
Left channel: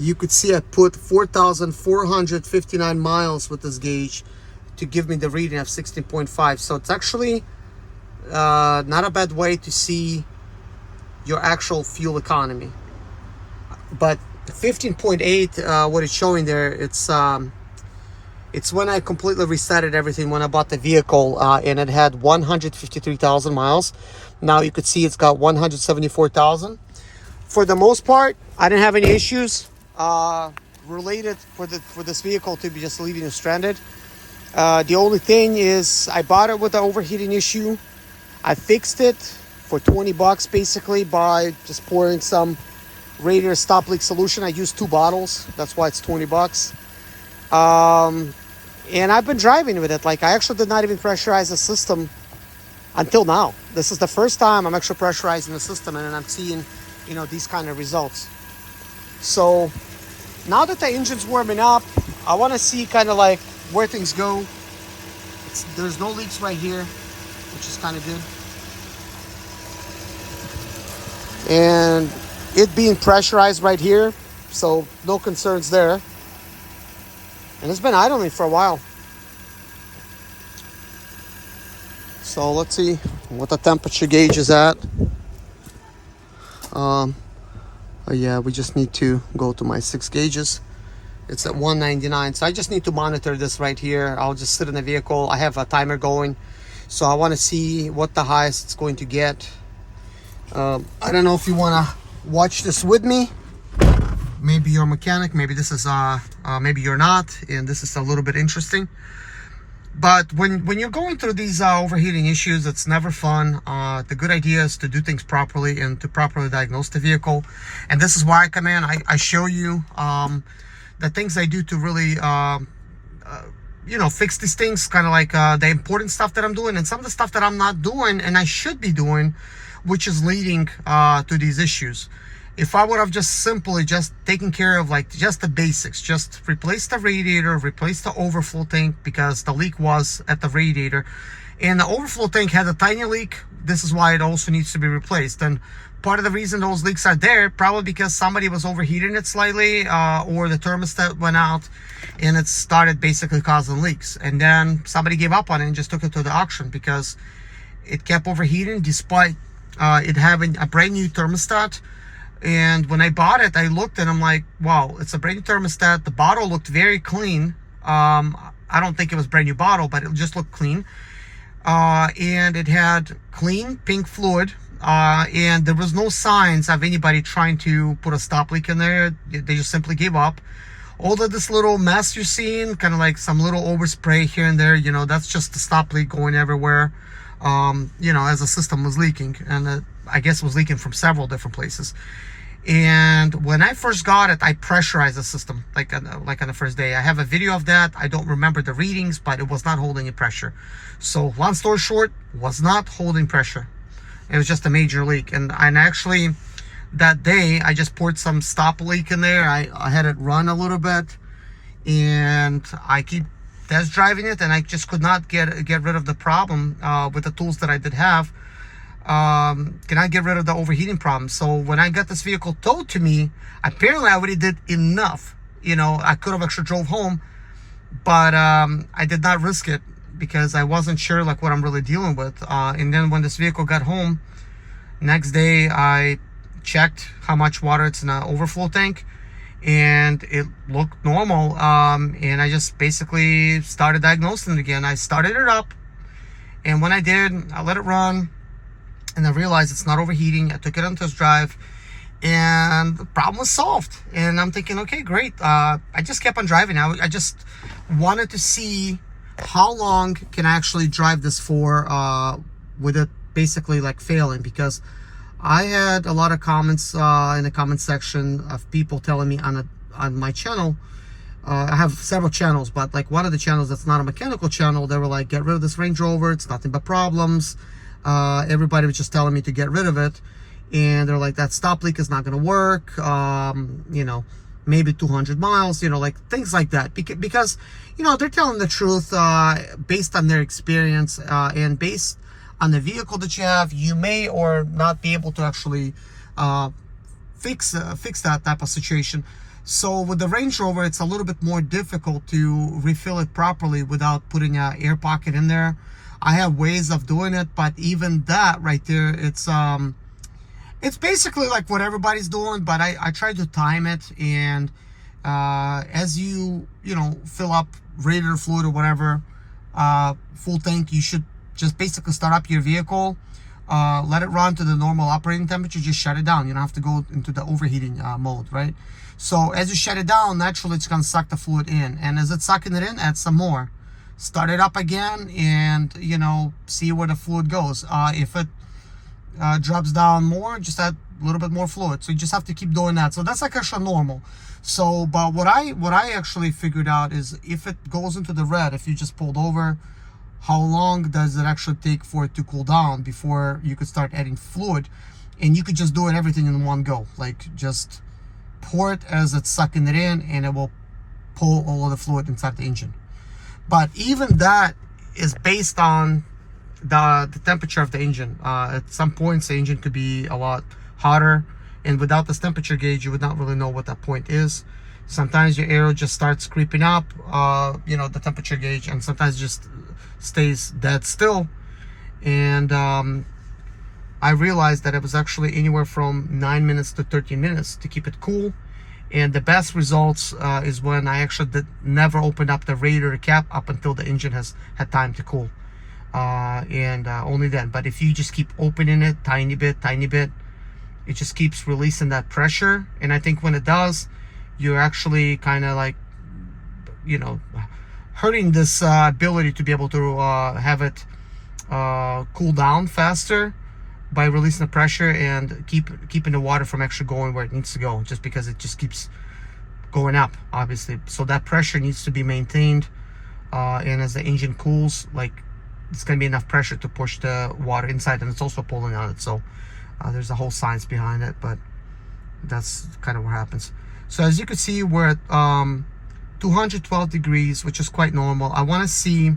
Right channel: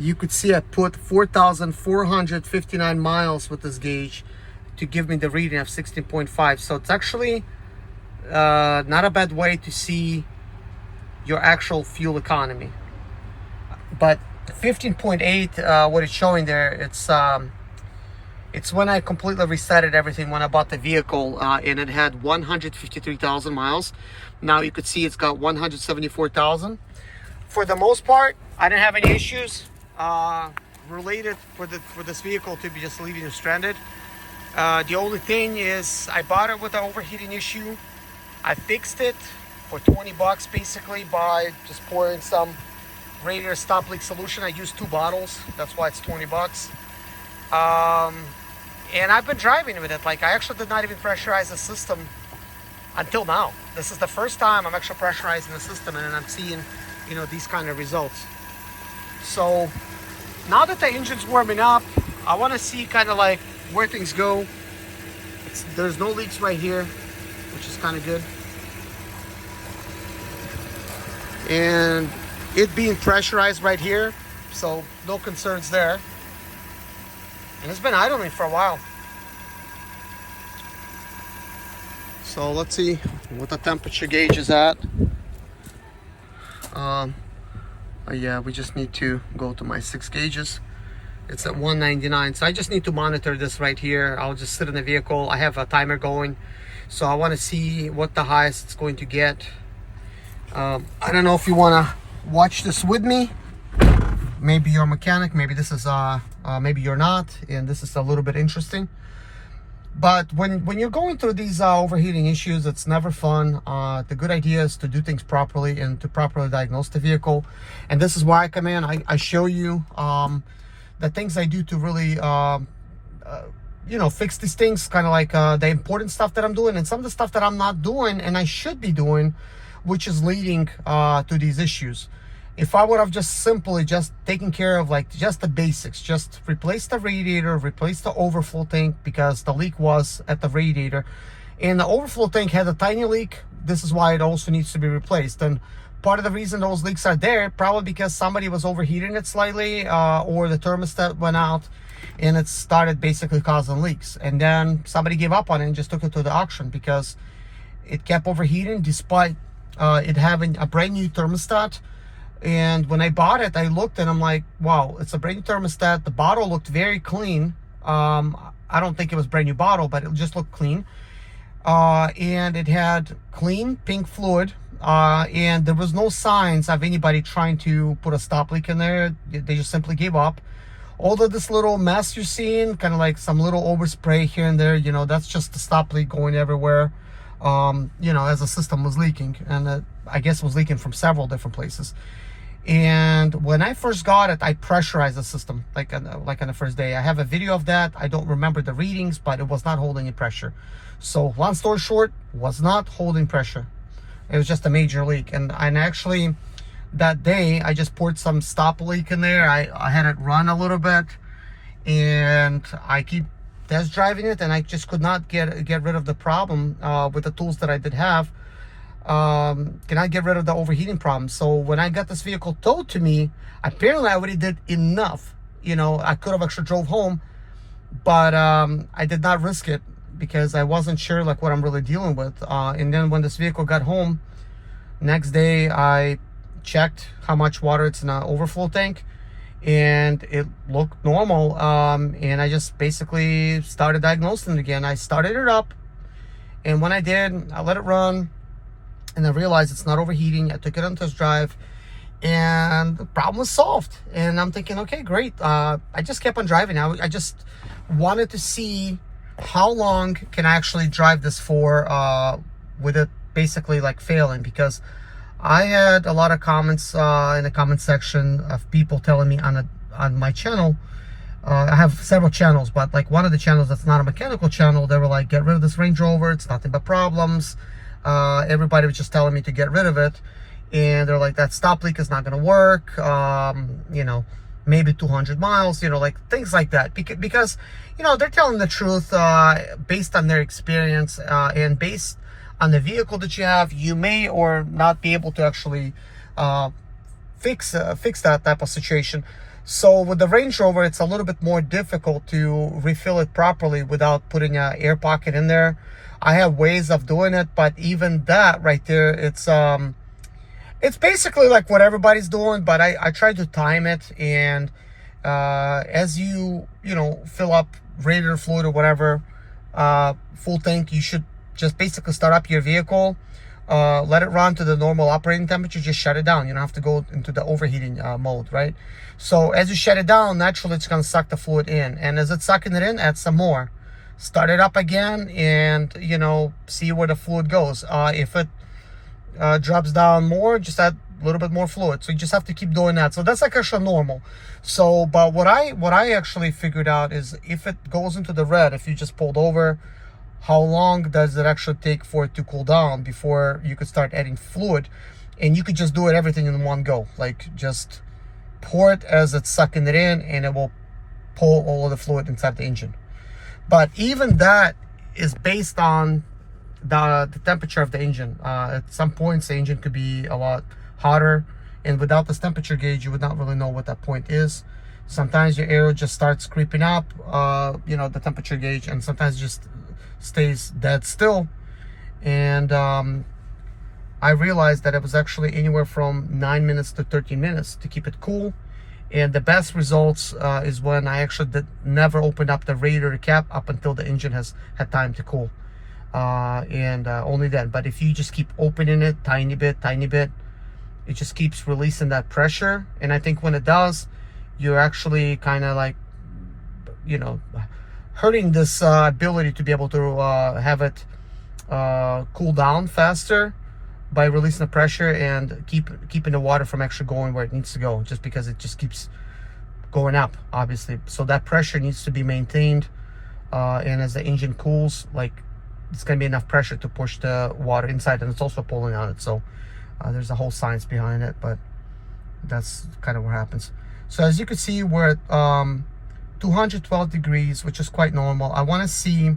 You could see I put 4,459 miles with this gauge to give me the reading of 16.5. So it's actually not a bad way to see your actual fuel economy. But 15.8, what it's showing there, it's when I completely resetted everything when I bought the vehicle, and it had 153,000 miles. Now you could see it's got 174,000. For the most part, I didn't have any issues related for this vehicle to be just leaving it stranded. The only thing is I bought it with the overheating issue. I fixed it for 20 bucks basically by just pouring some radiator stop leak solution. I used 2 bottles, that's why it's 20 bucks. And I've been driving with it. Like, I actually did not even pressurize the system until now. This is the first time I'm actually pressurizing the system, and I'm seeing, you know, these kind of results. So now that the engine's warming up, I want to see kind of like where things go. There's no leaks right here, which is kind of good. And it being pressurized right here, so no concerns there. And it's been idling for a while. So let's see what the temperature gauge is at. Yeah, we just need to go to my 6 gauges It's at 199. So I just need to monitor this right here. I'll just sit in the vehicle. I have a timer going, so I want to see what the highest it's going to get. I don't know if you want to watch this with me. Maybe you're a mechanic, maybe this is maybe you're not, and this is a little bit interesting. But when you're going through these overheating issues, it's never fun. The good idea is to do things properly and to properly diagnose the vehicle. And this is why I come in. I show you the things I do to really you know, fix these things, kind of like the important stuff that I'm doing and some of the stuff that I'm not doing and I should be doing, which is leading to these issues. If I would have just simply just taken care of like just the basics, just replace the radiator, replace the overflow tank, because the leak was at the radiator and the overflow tank had a tiny leak. This is why it also needs to be replaced. And part of the reason those leaks are there, probably because somebody was overheating it slightly, or the thermostat went out and it started basically causing leaks. And then somebody gave up on it and just took it to the auction because it kept overheating despite it having a brand new thermostat. And when I bought it, I looked and I'm like, wow, it's a brand new thermostat. The bottle looked very clean. I don't think it was brand new bottle, but it just looked clean. And it had clean pink fluid. And there was no signs of anybody trying to put a stop leak in there. They just simply gave up. All of this little mess you're seeing, kind of like some little overspray here and there, you know, that's just the stop leak going everywhere. You know, as the system was leaking, and I guess it was leaking from several different places. And when I first got it, I pressurized the system like on the first day. I have a video of that. I don't remember the readings, but it was not holding any pressure. So long story short, was not holding pressure. It was just a major leak. And actually that day I just poured some stop leak in there. I had it run a little bit, and I keep test driving it, and I just could not get rid of the problem with the tools that I did have. Cannot get rid of the overheating problem. So when I got this vehicle towed to me, apparently I already did enough. You know, I could have actually drove home, but I did not risk it because I wasn't sure like what I'm really dealing with. And then when this vehicle got home, next day I checked how much water it's in an overflow tank, and it looked normal. And I just basically started diagnosing it again. I started it up, and when I did, I let it run, and I realized it's not overheating. I took it on test drive, and the problem was solved. And I'm thinking, okay, great. I just kept on driving. I just wanted to see how long can I actually drive this for with it basically like failing, because I had a lot of comments in the comment section of people telling me on my channel. I have several channels, but like one of the channels that's not a mechanical channel, they were like, get rid of this Range Rover, it's nothing but problems. Everybody was just telling me to get rid of it, and they're like, that stop leak is not going to work. You know, maybe 200 miles, you know, like things like that, because you know, they're telling the truth based on their experience, and based on the vehicle that you have. You may or not be able to actually fix that type of situation. So with the Range Rover, it's a little bit more difficult to refill it properly without putting an air pocket in there. I have ways of doing it, but even that right there, it's basically like what everybody's doing, but I try to time it. And as you know, fill up radiator fluid or whatever, full tank, you should just basically start up your vehicle, let it run to the normal operating temperature, just shut it down. You don't have to go into the overheating mode, right? So as you shut it down, naturally it's going to suck the fluid in, and as it's sucking it in, add some more. Start it up again, and you know, see where the fluid goes. If it drops down more, just add a little bit more fluid. So you just have to keep doing that. So that's like actually normal. So but what I actually figured out is, if it goes into the red, if you just pulled over, how long does it actually take for it to cool down before you could start adding fluid? And you could just do it everything in one go, like just pour it as it's sucking it in, and it will pull all of the fluid inside the engine. But even that is based on the temperature of the engine. At some points, the engine could be a lot hotter, and without this temperature gauge, you would not really know what that point is. Sometimes your aero just starts creeping up, you know, the temperature gauge, and sometimes it just stays dead still. And I realized that it was actually anywhere from 9 minutes to 13 minutes to keep it cool. And the best results is when I actually never opened up the radiator cap up until the engine has had time to cool. And only then. But if you just keep opening it tiny bit, it just keeps releasing that pressure. And I think when it does, you're actually kind of like, you know, hurting this ability to be able to have it cool down faster by releasing the pressure and keeping the water from actually going where it needs to go, just because it just keeps going up, obviously. So that pressure needs to be maintained, and as the engine cools, like, it's going to be enough pressure to push the water inside, and it's also pulling on it. So there's a whole science behind it, but that's kind of what happens. So as you can see, we're at 212 degrees, which is quite normal. I want to see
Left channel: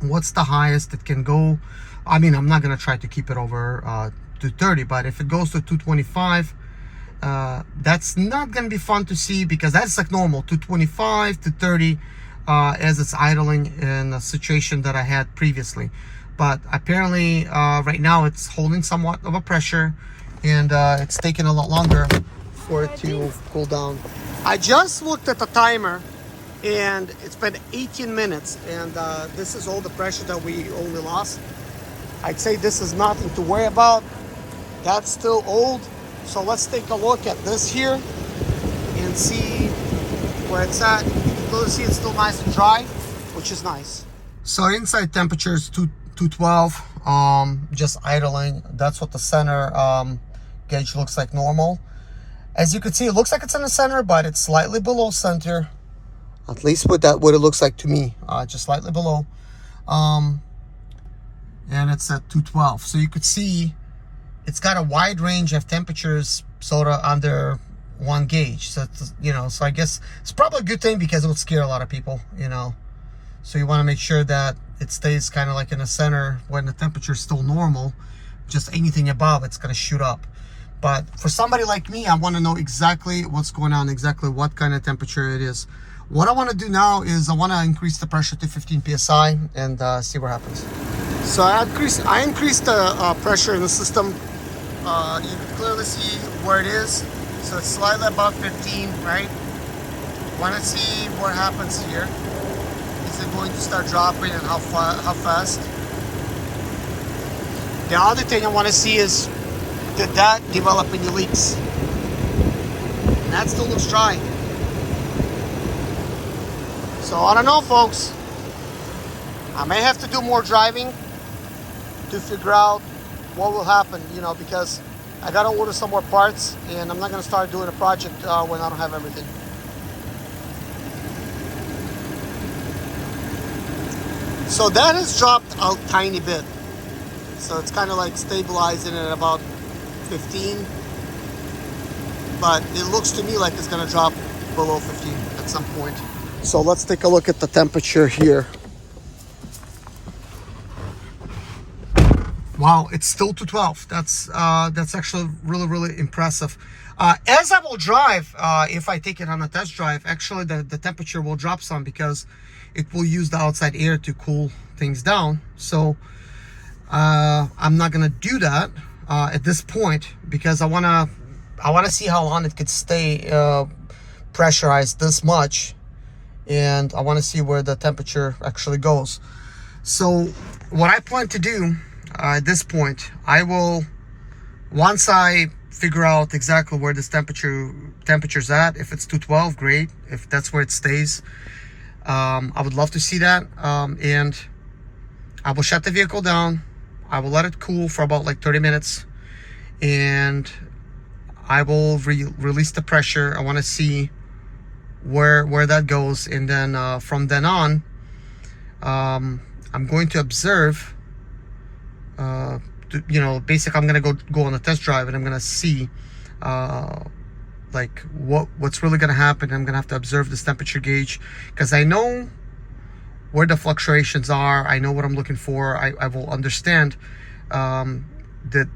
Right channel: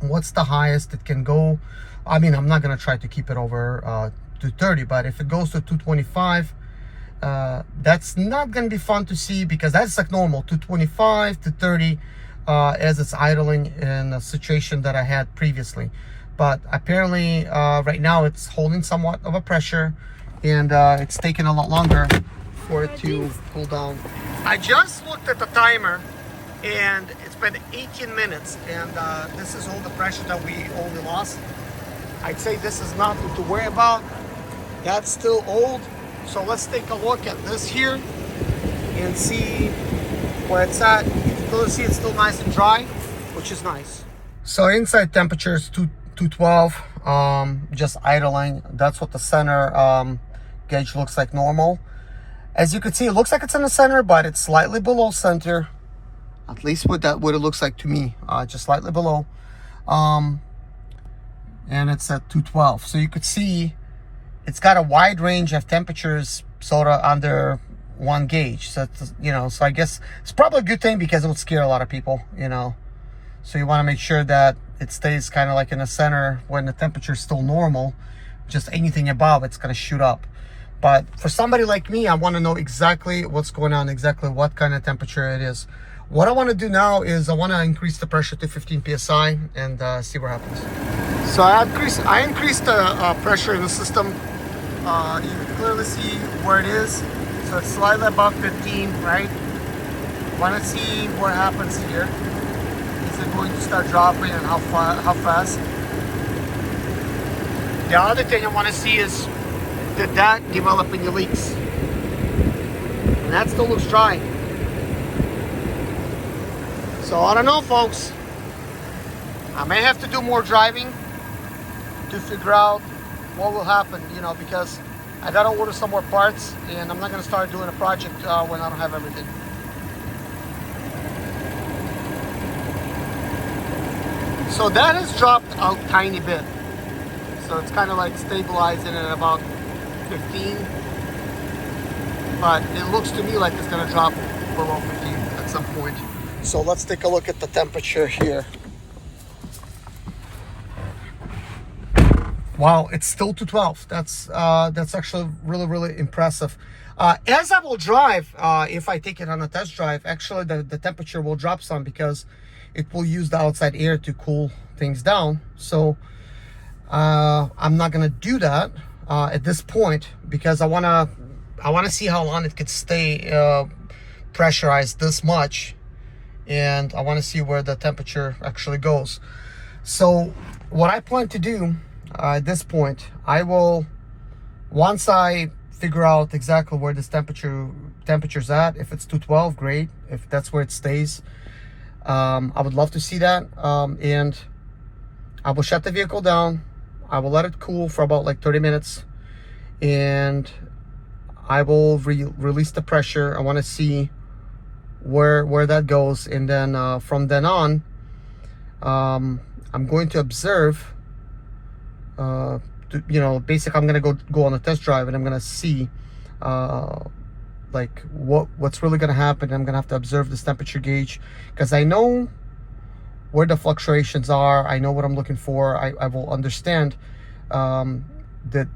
what's the highest it can go. I mean, I'm not going to try to keep it over 230, but if it goes to 225, that's not going to be fun to see, because that's like normal, 225 to 30 as it's idling in a situation that I had previously. But apparently right now it's holding somewhat of a pressure, and it's taking a lot longer for it to cool down. I just looked at the timer, and it's been 18 minutes, and this is all the pressure that we only lost. I'd say this is nothing to worry about. That's still old. So let's take a look at this here and see where it's at. You'll see it's still nice and dry, which is nice. So inside temperature is 212, just idling. That's what the center gauge looks like normal. As you can see, it looks like it's in the center, but it's slightly below center. At least what it looks like to me, just slightly below. And it's at 212. So you could see it's got a wide range of temperatures sort of under one gauge. So it's, you know, so I guess it's probably a good thing, because it would scare a lot of people, you know. So you want to make sure that it stays kind of like in the center when the temperature is still normal. Just anything above, it's going to shoot up. But for somebody like me, I want to know exactly what's going on, exactly what kind of temperature it is. What I want to do now is I want to increase the pressure to 15 psi and see what happens. So I increased the pressure in the system. You can clearly see where it is. So it's slightly above 15, right? Want to see what happens here. Is it going to start dropping, and how fast? The other thing I want to see is, did that develop any leaks? And that still looks dry. So I don't know, folks. I may have to do more driving to figure out what will happen, you know, because I gotta order some more parts, and I'm not gonna start doing a project when I don't have everything. So that has dropped a tiny bit. So it's kind of like stabilizing at about 15. But it looks to me like it's gonna drop below 15 at some point. So let's take a look at the temperature here. Wow, it's still 212. That's actually really impressive. As I will drive, if I take it on a test drive, actually the temperature will drop some, because it will use the outside air to cool things down. So I'm not gonna do that at this point, because I wanna see how long it could stay pressurized this much, and I want to see where the temperature actually goes. So what I plan to do at this point, I will, once I figure out exactly where this temperature's at, if it's 212, great. If that's where it stays, I would love to see that. And I will shut the vehicle down. I will let it cool for about like 30 minutes, and I will release the pressure. I want to see where that goes, and then from then on, I'm going to observe. You know, basically, I'm gonna go on a test drive, and I'm gonna see like what's really gonna happen. I'm gonna have to observe this temperature gauge, because I know where the fluctuations are. I know what I'm looking for. I will understand that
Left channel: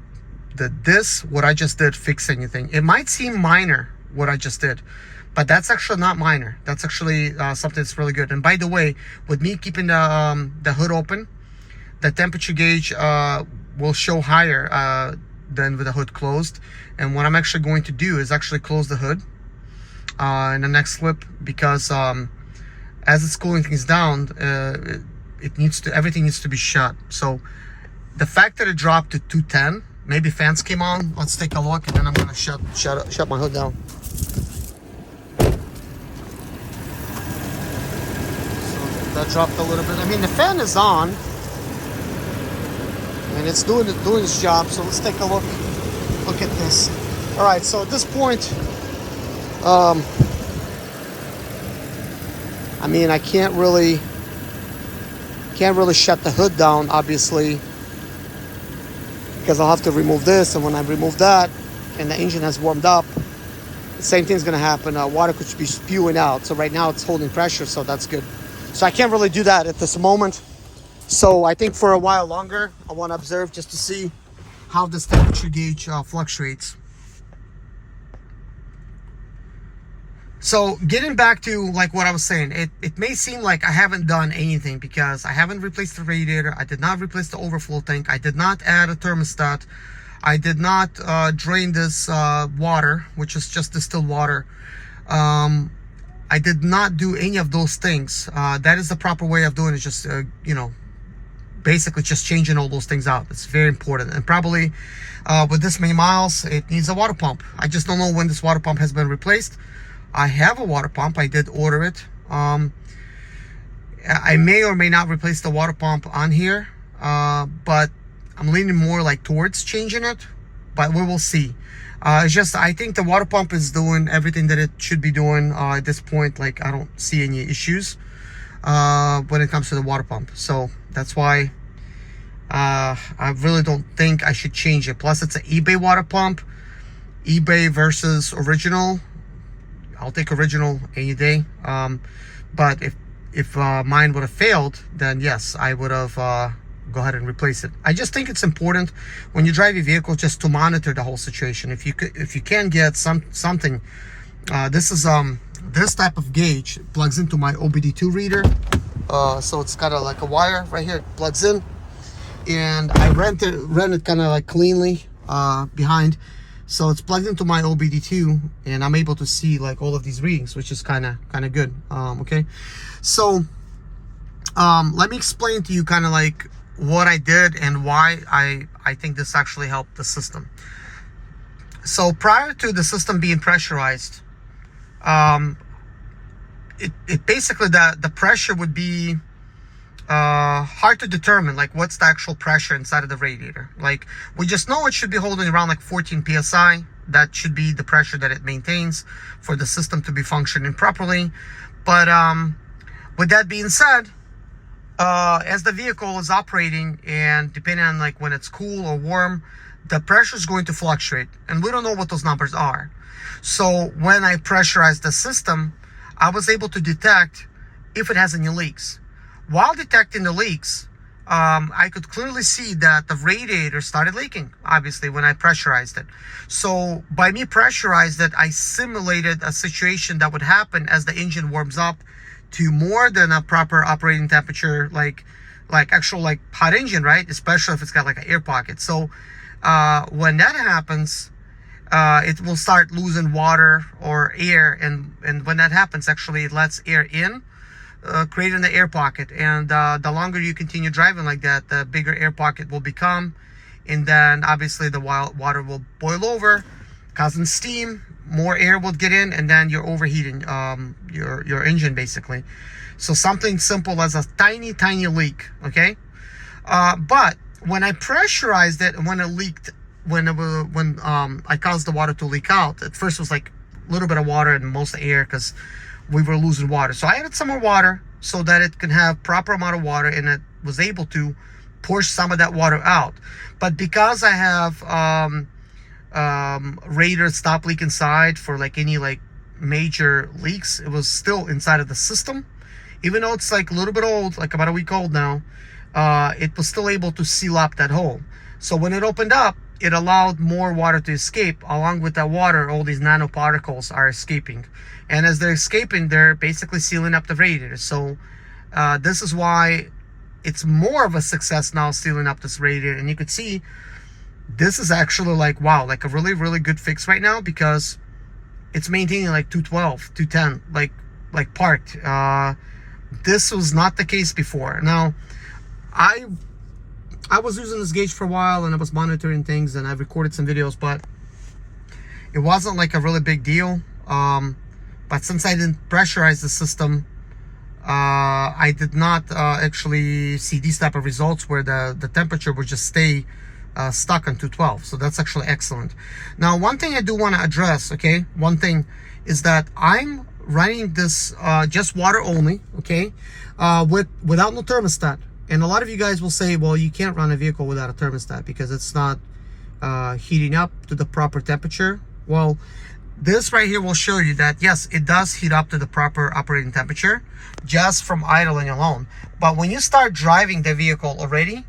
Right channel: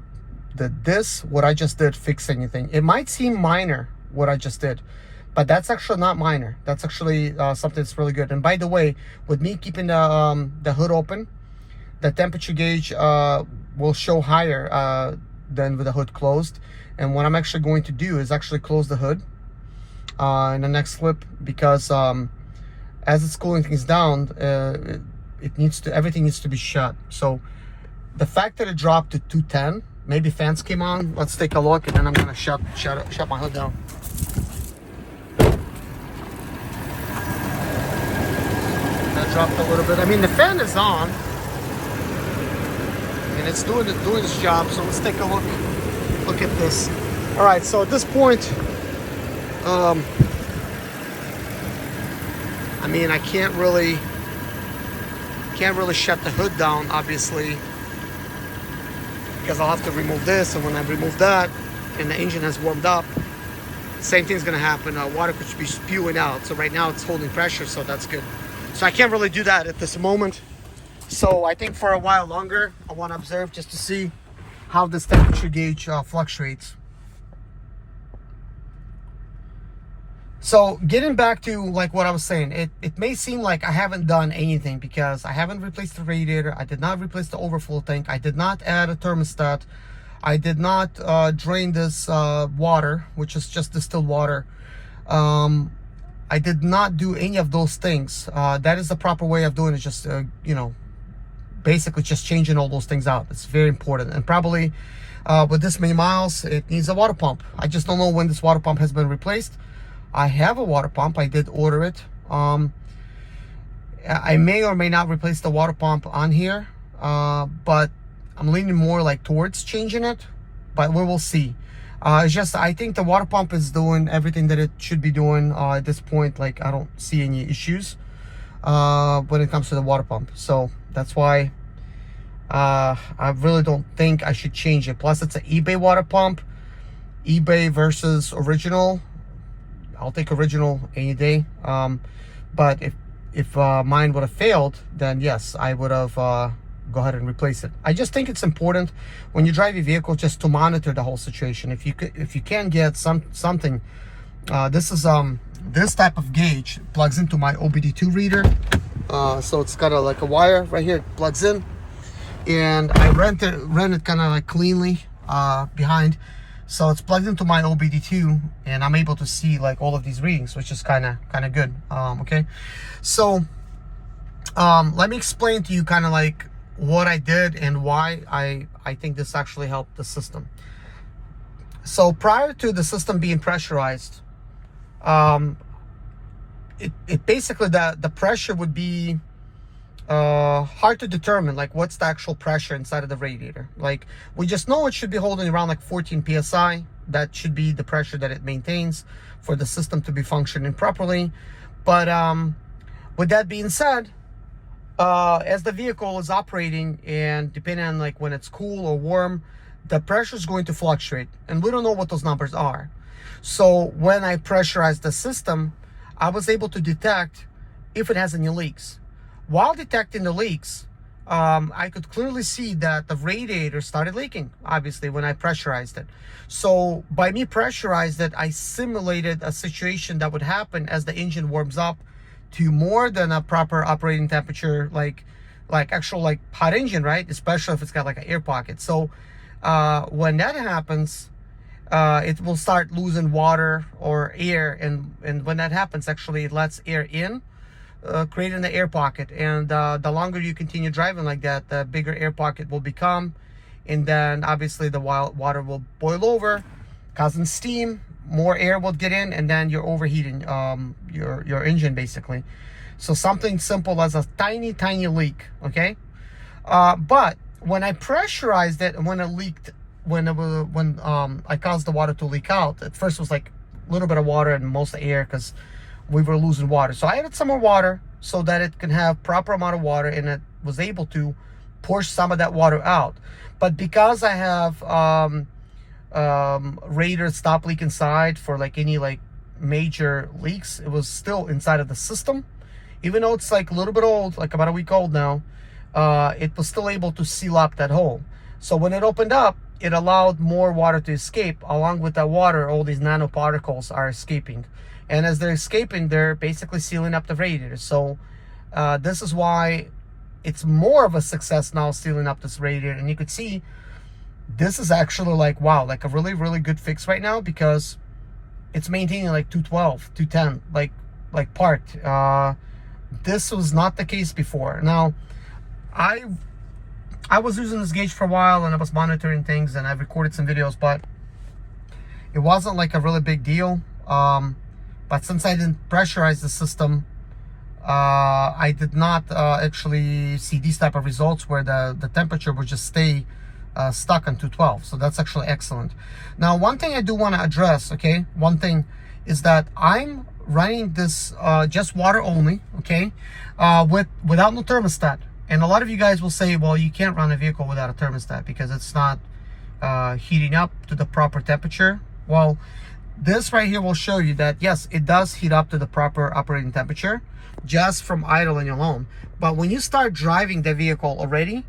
what I just did fix anything. It might seem minor what I just did, but that's actually not minor. That's actually something that's really good. And by the way, with me keeping the hood open, the temperature gauge will show higher than with the hood closed. And what I'm actually going to do is actually close the hood in the next clip, because as it's cooling things down, everything needs to be shut. So the fact that it dropped to 210, maybe fans came on. Let's take a look, and then I'm gonna shut my hood down. That dropped a little bit. I mean, the fan is on, and it's doing its job. So let's take a look at this. All right. So at this point, I mean, I can't really shut the hood down, obviously, because I'll have to remove this, and when I remove that, and the engine has warmed up, the same thing's gonna happen. Water could be spewing out. So right now it's holding pressure, so that's good. So I can't really do that at this moment. So I think for a while longer, I want to observe just to see how this temperature gauge fluctuates. So getting back to like what I was saying, it may seem like I haven't done anything because I haven't replaced the radiator. I did not replace the overflow tank. I did not add a thermostat. I did not drain this water, which is just distilled water. I did not do any of those things. That is the proper way of doing it. Just, you know, basically just changing all those things out. It's very important. And probably with this many miles, it needs a water pump. I just don't know when this water pump has been replaced. I have a water pump. I did order it. I may or may not replace the water pump on here, but I'm leaning more like towards changing it, but we will see. It's just, I think the water pump is doing everything that it should be doing at this point. Like, I don't see any issues when it comes to the water pump. So that's why I really don't think I should change it. Plus, it's an eBay water pump. eBay versus original. I'll take original any day. But if mine would have failed, then yes, I would have go ahead and replace it. I just think it's important when you drive your vehicle just to monitor the whole situation. If you can get something, this is this type of gauge plugs into my OBD2 reader. So it's got like a wire right here, it plugs in, and I ran it kind of like cleanly behind. So it's plugged into my OBD2, and I'm able to see like all of these readings, which is kind of good. Okay, so let me explain to you kind of like what I did and why I think this actually helped the system. So prior to the system being pressurized, it basically, the pressure would be hard to determine, like what's the actual pressure inside of the radiator. Like, we just know it should be holding around like 14 psi. That should be the pressure that it maintains for the system to be functioning properly. But with that being said, as the vehicle is operating, and depending on like when it's cool or warm, the pressure is going to fluctuate, and we don't know what those numbers are. So when I pressurized the system, I was able to detect if it has any leaks. While detecting the leaks, I could clearly see that the radiator started leaking, obviously, when I pressurized it. So by me pressurized it, I simulated a situation that would happen as the engine warms up to more than a proper operating temperature, like actual like hot engine, right? Especially if it's got like an air pocket. So when that happens, it will start losing water or air, and when that happens, actually it lets air in, creating the air pocket. And the longer you continue driving like that, the bigger air pocket will become, and then obviously the water will boil over, causing steam. More air will get in, and then you're overheating your engine basically. So something simple as a tiny leak. Okay, but when I pressurized it, and when it leaked, when I caused the water to leak out, at first it was like a little bit of water and most air because we were losing water. So I added some more water so that it can have proper amount of water, and it was able to push some of that water out. But because I have radiator stop leak inside for like any like major leaks, it was still inside of the system. Even though it's like a little bit old, like about a week old now, it was still able to seal up that hole. So when it opened up, it allowed more water to escape. Along with that water, all these nanoparticles are escaping, and as they're escaping, they're basically sealing up the radiator. So this is why it's more of a success now sealing up this radiator. And you could see this is actually like, wow, like a really good fix right now, because it's maintaining like 212, 210, like parked. This was not the case before. Now, I was using this gauge for a while and I was monitoring things and I've recorded some videos, but it wasn't like a really big deal. But since I didn't pressurize the system, I did not actually see these type of results where the temperature would just stay stuck on 212. So that's actually excellent. Now, one thing I do want to address, okay, one thing is that I'm running this just water only, okay, without no thermostat. And a lot of you guys will say, well, you can't run a vehicle without a thermostat because it's not heating up to the proper temperature. Well, this right here will show you that yes, it does heat up to the proper operating temperature just from idling alone. But when you start driving the vehicle already,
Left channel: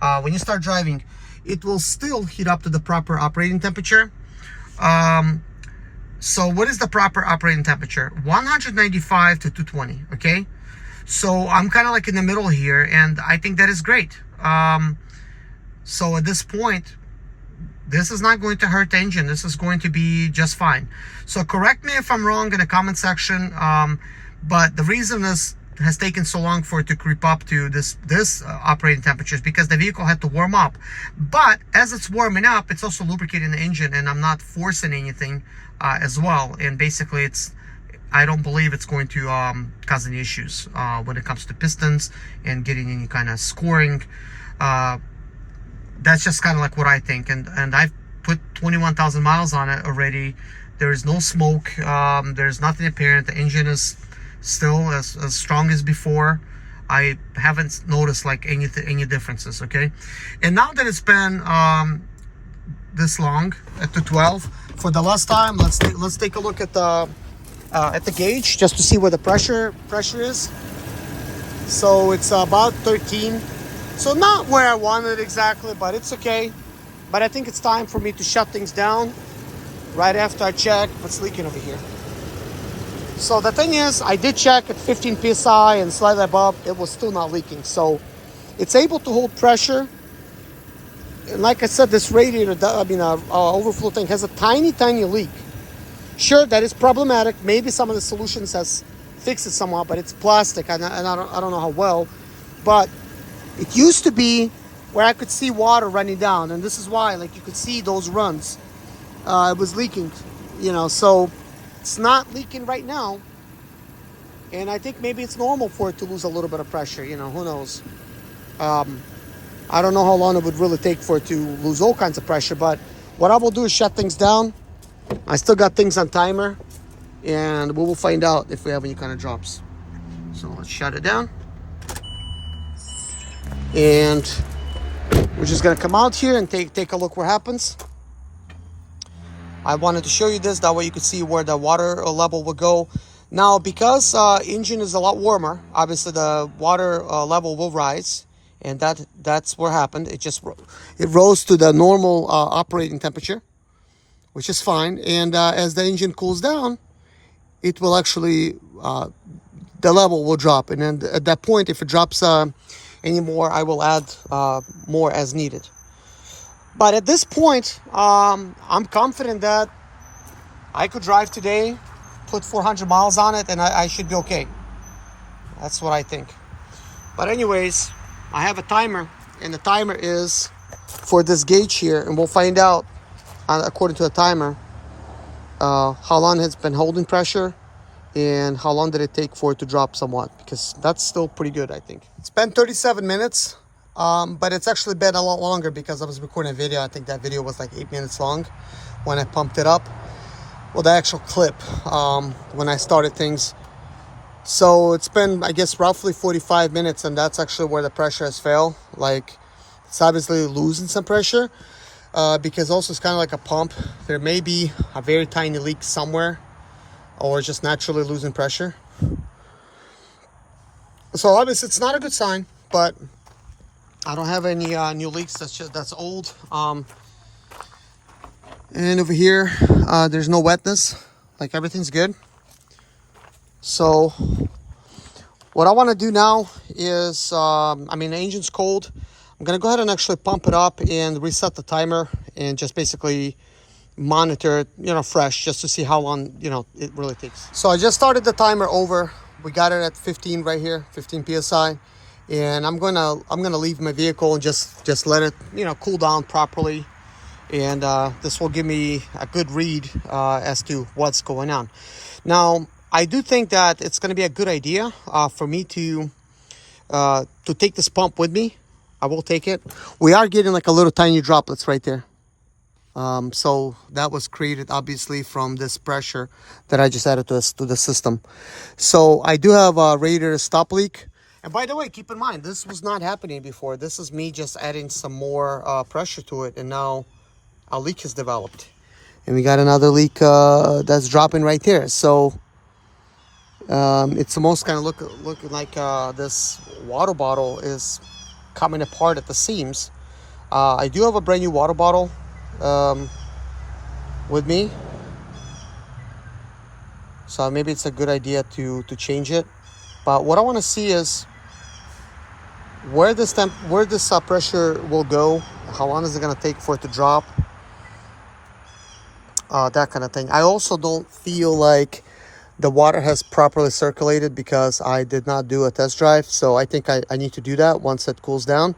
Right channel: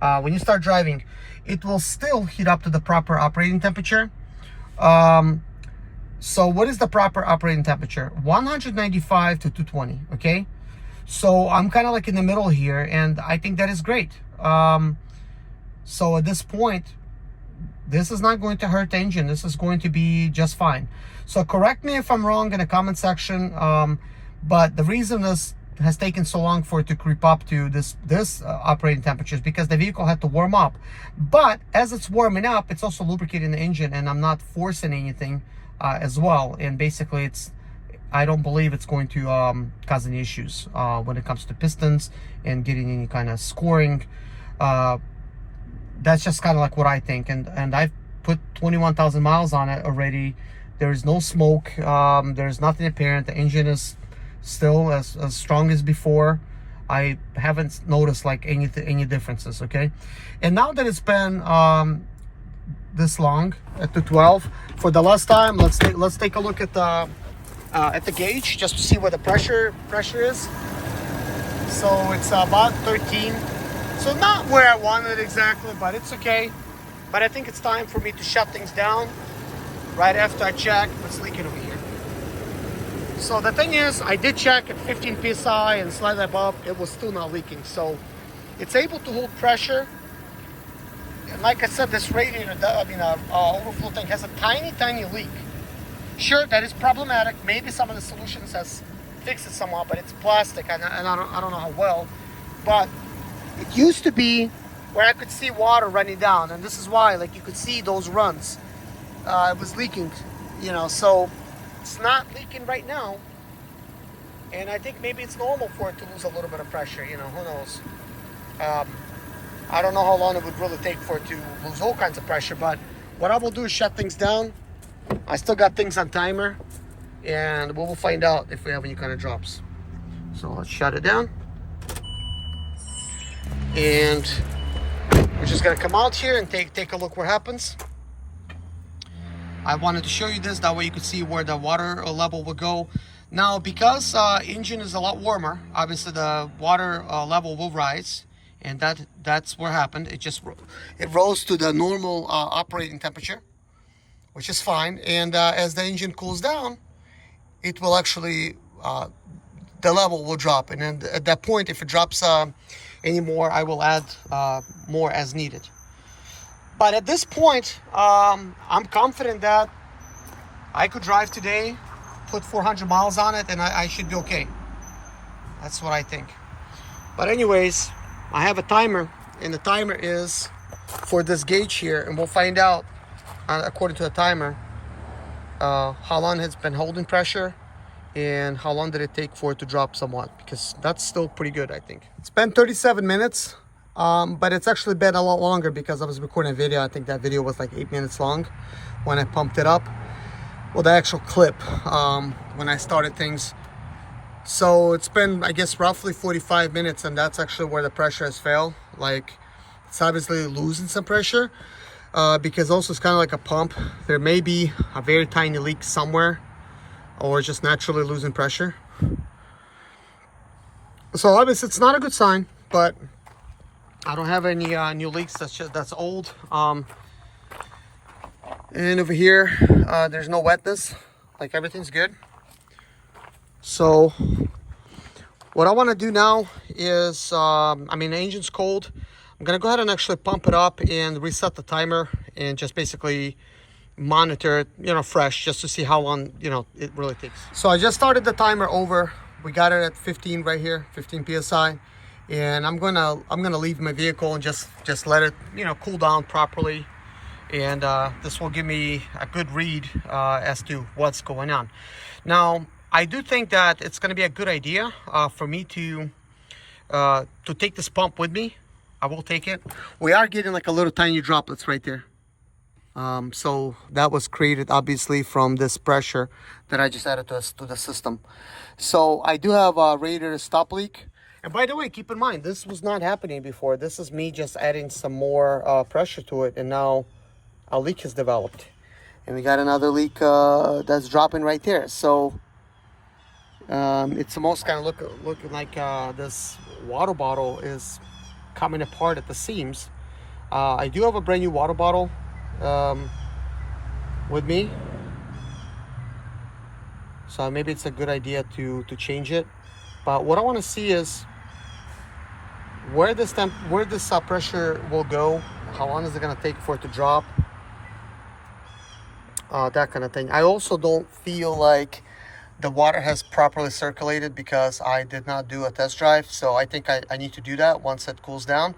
when you start driving, it will still heat up to the proper operating temperature. So what is the proper operating temperature? 195 to 220, okay? So I'm kind of like in the middle here, and I think that is great. So at this point, this is not going to hurt the engine. This is going to be just fine. So correct me if I'm wrong in the comment section. But the reason this has taken so long for it to creep up to this operating temperature is because the vehicle had to warm up. But as it's warming up, it's also lubricating the engine, and I'm not forcing anything as well. And basically, I don't believe it's going to cause any issues when it comes to pistons and getting any kind of scoring. That's just kind of like what I think. And I've put 21,000 miles on it already. There is no smoke. There's nothing apparent. The engine is still as strong as before. I haven't noticed like any differences, okay? And now that it's been this long at the 12, for the last time, let's take a look at the gauge just to see where the pressure is. So it's about 13. So not where I wanted exactly, but it's okay. But I think it's time for me to shut things down right after I check what's leaking over here. So the thing is, I did check at 15 psi and slightly above, it was still not leaking. So it's able to hold pressure. And like I said, this radiator, overflow tank has a tiny leak. Sure, that is problematic. Maybe some of the solutions has fixed it somewhat, but it's plastic, and I don't know how well. But it used to be where I could see water running down, and this is why, like you could see those runs. It was leaking, so it's not leaking right now. And I think maybe it's normal for it to lose a little bit of pressure, who knows. I don't know how long it would really take for it to lose all kinds of pressure, but what I will do is shut things down. I still got things on timer, and we will find out if we have any kind of drops. So let's shut it down. And we're just gonna come out here and take a look what happens. I wanted to show you this, that way you could see where the water level will go. Now, because engine is a lot warmer, obviously the water level will rise, and that's what happened. It rose to the normal operating temperature, which is fine. And as the engine cools down, it will actually the level will drop, and then at that point, if it drops anymore, I will add more as needed. But at this point, I'm confident that I could drive today, put 400 miles on it, and I should be okay. That's what I think. But anyways, I have a timer, and the timer is for this gauge here, and we'll find out according to the timer how long it's been holding pressure and how long did it take for it to drop somewhat, because that's still pretty good, I think. It's been 37 minutes, but it's actually been a lot longer because I was recording a video. I think that video was like 8 minutes long when I pumped it up. Well, the actual clip when I started things. So it's been, I guess, roughly 45 minutes, and that's actually where the pressure has failed. Like, it's obviously losing some pressure because also it's kind of like a pump. There may be a very tiny leak somewhere, or just naturally losing pressure. So obviously it's not a good sign, but I don't have any new leaks. That's old. And over here, there's no wetness. Like, everything's good. So what I want to do now is, the engine's cold. I'm gonna go ahead and actually pump it up and reset the timer and just basically monitor it, you know, fresh, just to see how long, you know, it really takes. So I just started the timer over. We got it at 15 right here, 15 psi, and I'm gonna leave my vehicle and just let it, you know, cool down properly, and this will give me a good read as to what's going on. Now, I do think that it's going to be a good idea for me to take this pump with me. I will take it. We are getting like a little tiny droplets right there. So that was created obviously from this pressure that I just added to the system. So I do have a radiator stop leak. And by the way, keep in mind, this was not happening before. This is me just adding some more pressure to it, and now a leak has developed. And we got another leak that's dropping right there. So it's almost kind of looking like this water bottle is coming apart at the seams. I do have a brand new water bottle with me, so maybe it's a good idea to change it. But what I want to see is where this pressure will go. How long is it going to take for it to drop? That kind of thing. I also don't feel like the water has properly circulated because I did not do a test drive. So I think I need to do that once it cools down,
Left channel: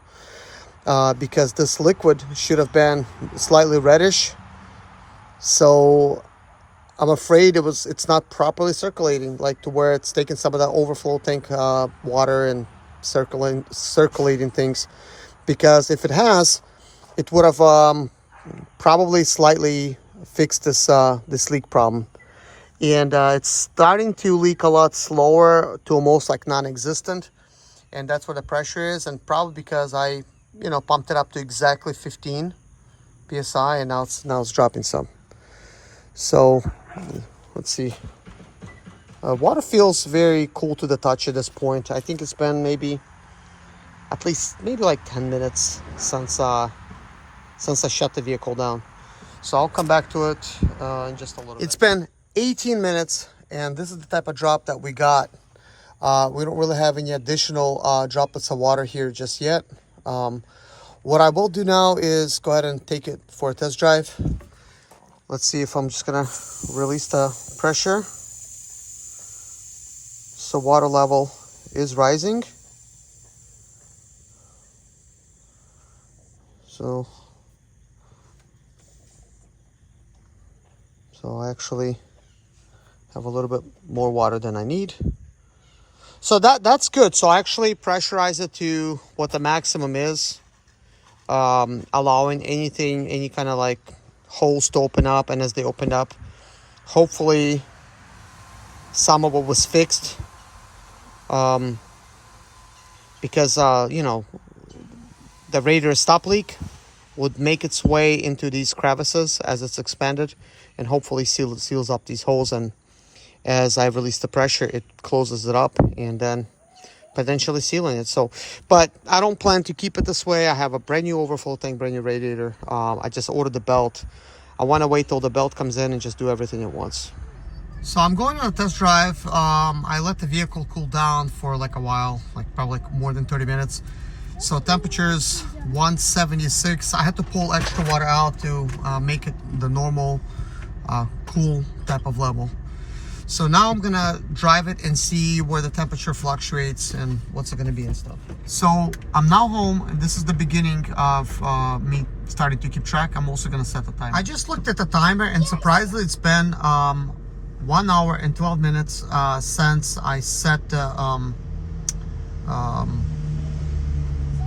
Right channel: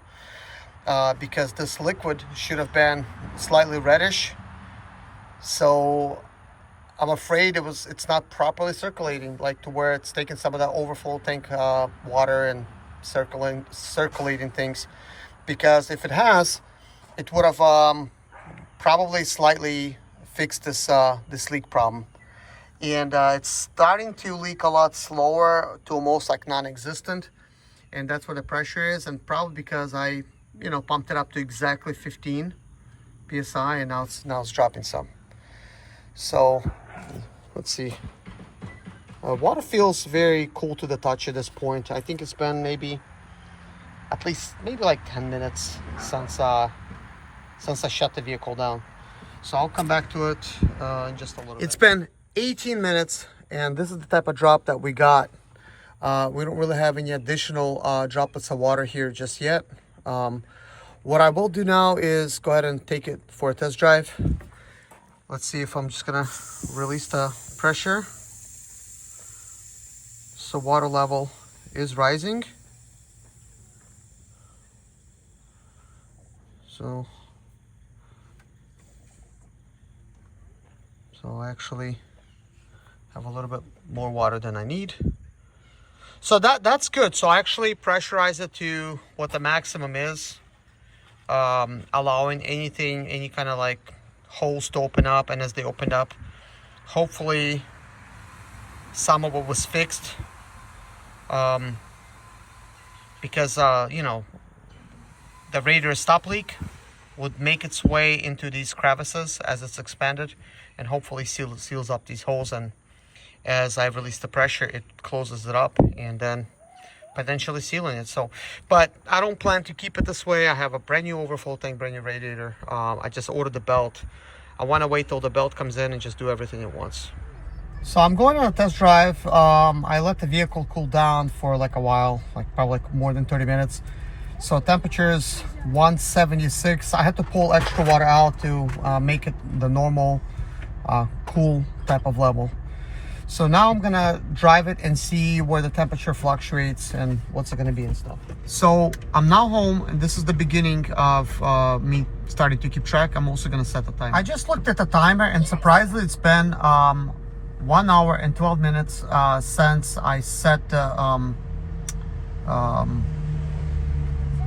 because this liquid should have been slightly reddish. So I'm afraid it's not properly circulating, like to where it's taking some of that overflow tank water and circulating things. Because if it has, it would have probably slightly fixed this leak problem. And it's starting to leak a lot slower to almost like non-existent, and that's where the pressure is. And probably because I, you know, pumped it up to exactly 15 psi, and now it's dropping some. So let's see. Water feels very cool to the touch at this point. I think it's been maybe like 10 minutes since I shut the vehicle down. So I'll come back to it in just a little bit. It's been 18 minutes, and this is the type of drop that we got. We don't really have any additional droplets of water here just yet. What I will do now is go ahead and take it for a test drive. Let's see if I'm just gonna release the pressure. So water level is rising. So I actually have a little bit more water than I need. So that's good. So I actually pressurize it to what the maximum is, allowing any kind of like holes to open up, and as they opened up, hopefully some of it was fixed, because you know, the radiator stop leak would make its way into these crevices as it's expanded, and hopefully seals up these holes. And as I release the pressure, it closes it up, and then potentially sealing it. So, but I don't plan to keep it this way. I have a brand new overflow tank, brand new radiator. I just ordered the belt. I want to wait till the belt comes in and just do everything at once. So I'm going on a test drive. I let the vehicle cool down for like a while, like probably more than 30 minutes. So temperature is 176. I had to pull extra water out to make it the normal cool type of level. So now I'm gonna drive it and see where the temperature fluctuates and what's it gonna be and stuff. So I'm now home, and this is the beginning of me starting to keep track. I'm also gonna set the timer. I just looked at the timer, and surprisingly it's been 1 hour and 12 minutes since I set the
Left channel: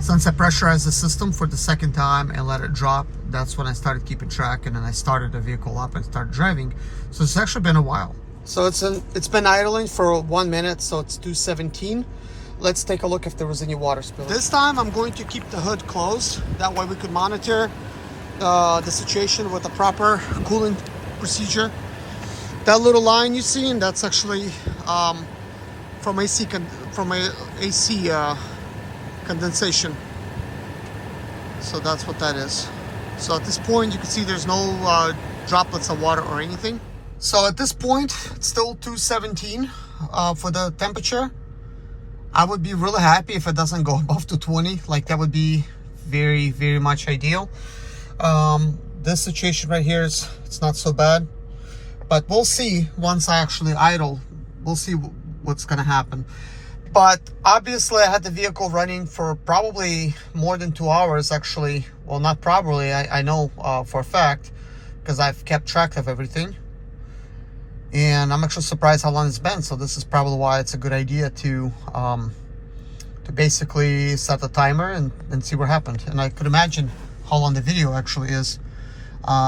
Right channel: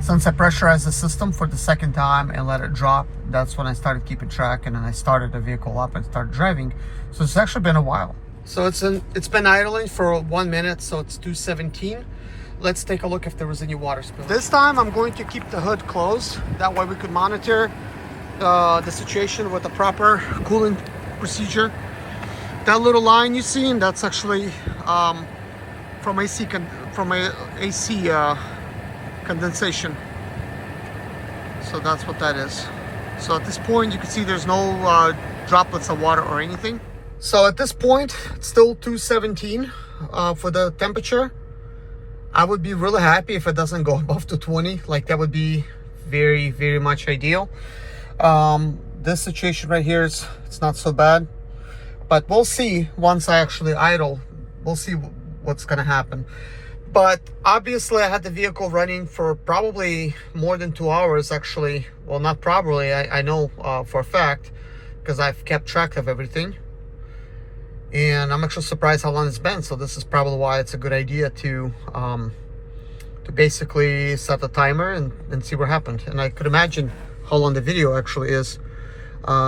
since I pressurized the system for the second time and let it drop. That's when I started keeping track, and then I started the vehicle up and started driving. So it's actually been a while. So it's been idling for 1 minute, so it's 2:17. Let's take a look if there was any water spill. This time I'm going to keep the hood closed. That way we could monitor the situation with a proper cooling procedure. That little line you see, and that's actually from AC condensation. So that's what that is. So at this point you can see there's no droplets of water or anything. So at this point it's still 217 for the temperature. I would be really happy if it doesn't go above 220. Like, that would be very, very much ideal. this situation right here is, it's not so bad, but we'll see once I actually idle. We'll see what's gonna happen. But obviously I had the vehicle running for probably more than 2 hours actually. Well, not probably, I know for a fact, because I've kept track of everything. And I'm actually surprised how long it's been. So this is probably why it's a good idea to basically set a timer and see what happened. And I could imagine how long the video actually is,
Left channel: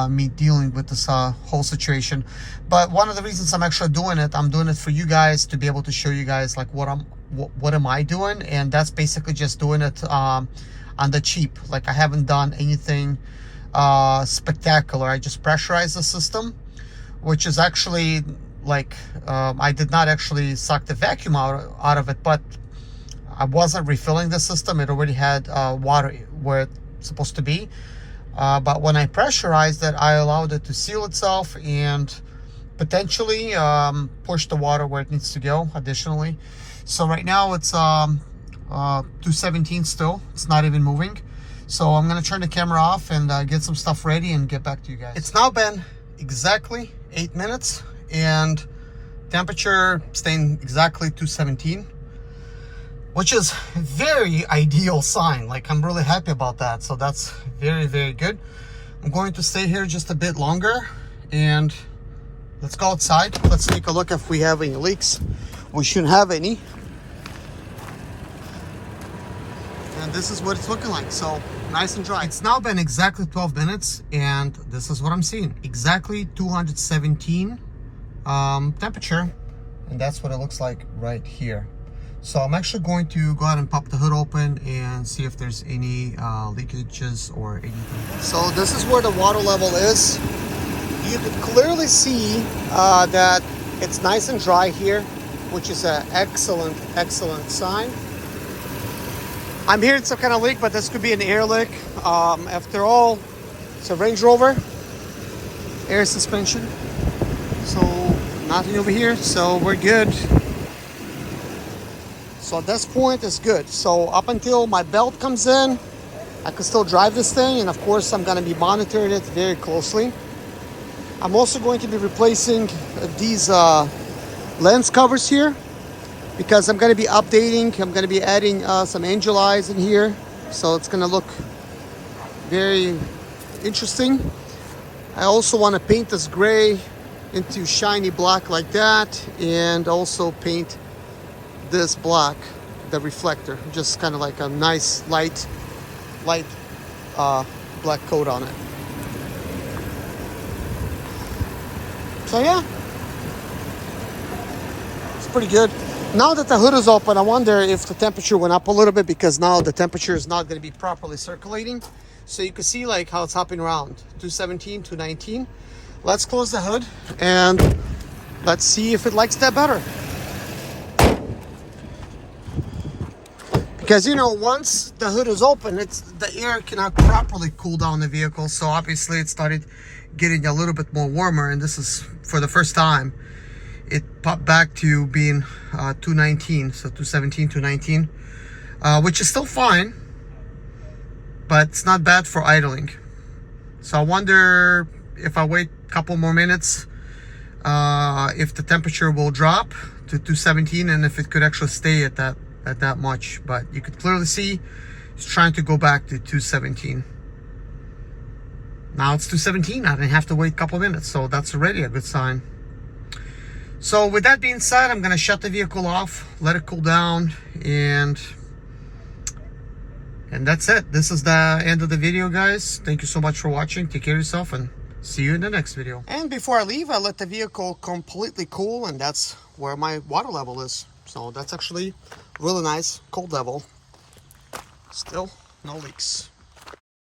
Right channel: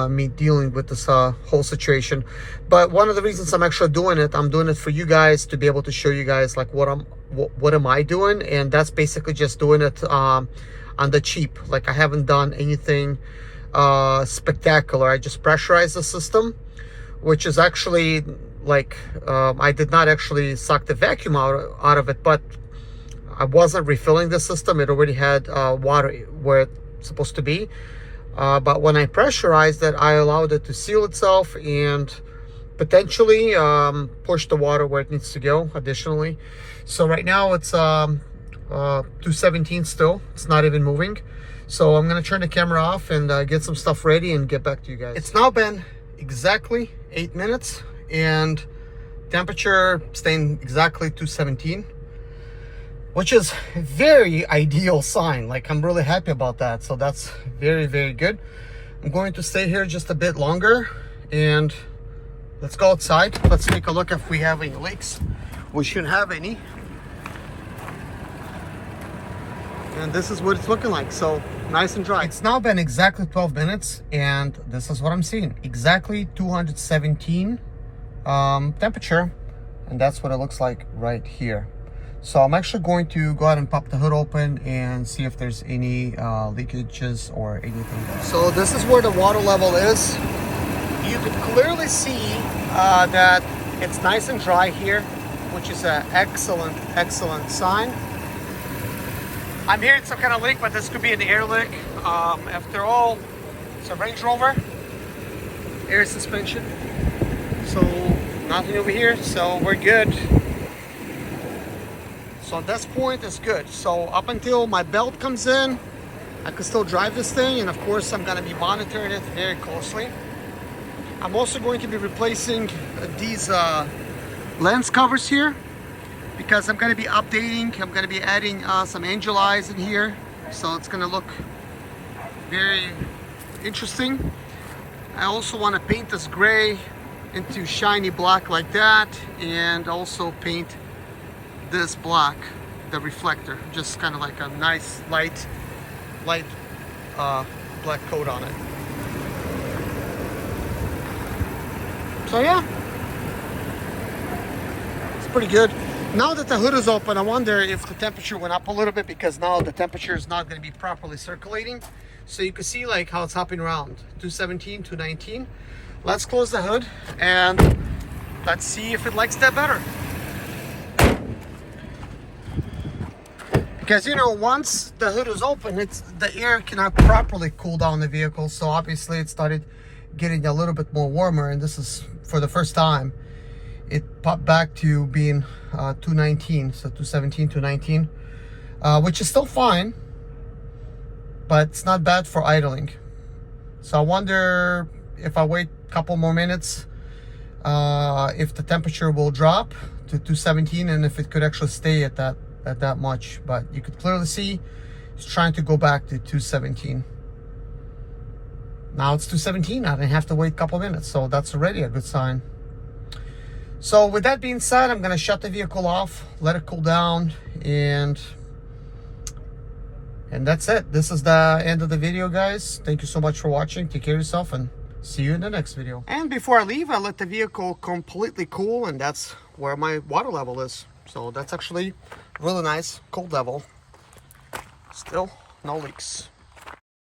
me dealing with this whole situation. But one of the reasons I'm actually doing it, I'm doing it for you guys, to be able to show you guys like what am I doing. And that's basically just doing it on the cheap. Like I haven't done anything spectacular. I just pressurized the system, which is actually like I did not actually suck the vacuum out of it, but I wasn't refilling the system. It already had water where it's supposed to be. But when I pressurized it, I allowed it to seal itself and potentially push the water where it needs to go additionally. So right now it's 217 still. It's not even moving. So I'm gonna turn the camera off and get some stuff ready and get back to you guys. It's now been exactly 8 minutes and temperature staying exactly 217. Which is a very ideal sign. Like I'm really happy about that. So that's very, very good. I'm going to stay here just a bit longer and let's go outside. Let's take a look if we have any leaks. We shouldn't have any. And this is what it's looking like. So nice and dry. It's now been exactly 12 minutes and this is what I'm seeing. Exactly 217 temperature. And that's what it looks like right here. So I'm actually going to go ahead and pop the hood open and see if there's any leakages or anything. So this is where the water level is. You could clearly see that it's nice and dry here, which is an excellent, excellent sign. I'm hearing some kind of leak, but this could be an air leak. After all, it's a Range Rover, air suspension. So nothing over here, so we're good. So at this point, it's good. So up until my belt comes in, I can still drive this thing. And of course, I'm gonna be monitoring it very closely. I'm also going to be replacing these lens covers here because I'm gonna be updating. I'm gonna be adding some angel eyes in here. So it's gonna look very interesting. I also wanna paint this gray into shiny black like that. And also paint this black, the reflector, just kind of like a nice light black coat on it. So yeah, it's pretty good. Now that the hood is open, I wonder if the temperature went up a little bit, because now the temperature is not going to be properly circulating. So you can see like how it's hopping around 217, 219. Let's close the hood and let's see if it likes that better. Because, you know, once the hood is open, the air cannot properly cool down the vehicle. So obviously it started getting a little bit more warmer. And this is for the first time. It popped back to being 219. So 217, 219. Which is still fine. But it's not bad for idling. So I wonder if I wait a couple more minutes, if the temperature will drop to 217. And if it could actually stay at that much. But you could clearly see it's trying to go back to 217. Now it's 217. I didn't have to wait a couple minutes, so that's already a good sign. So with that being said, I'm gonna shut the vehicle off, let it cool down, and that's it. This is the end of the video, guys. Thank you so much for watching. Take care of yourself and see you in the next video. And before I leave, I let the vehicle completely cool, and that's where my water level is. So that's actually really nice, cold level. Still no leaks.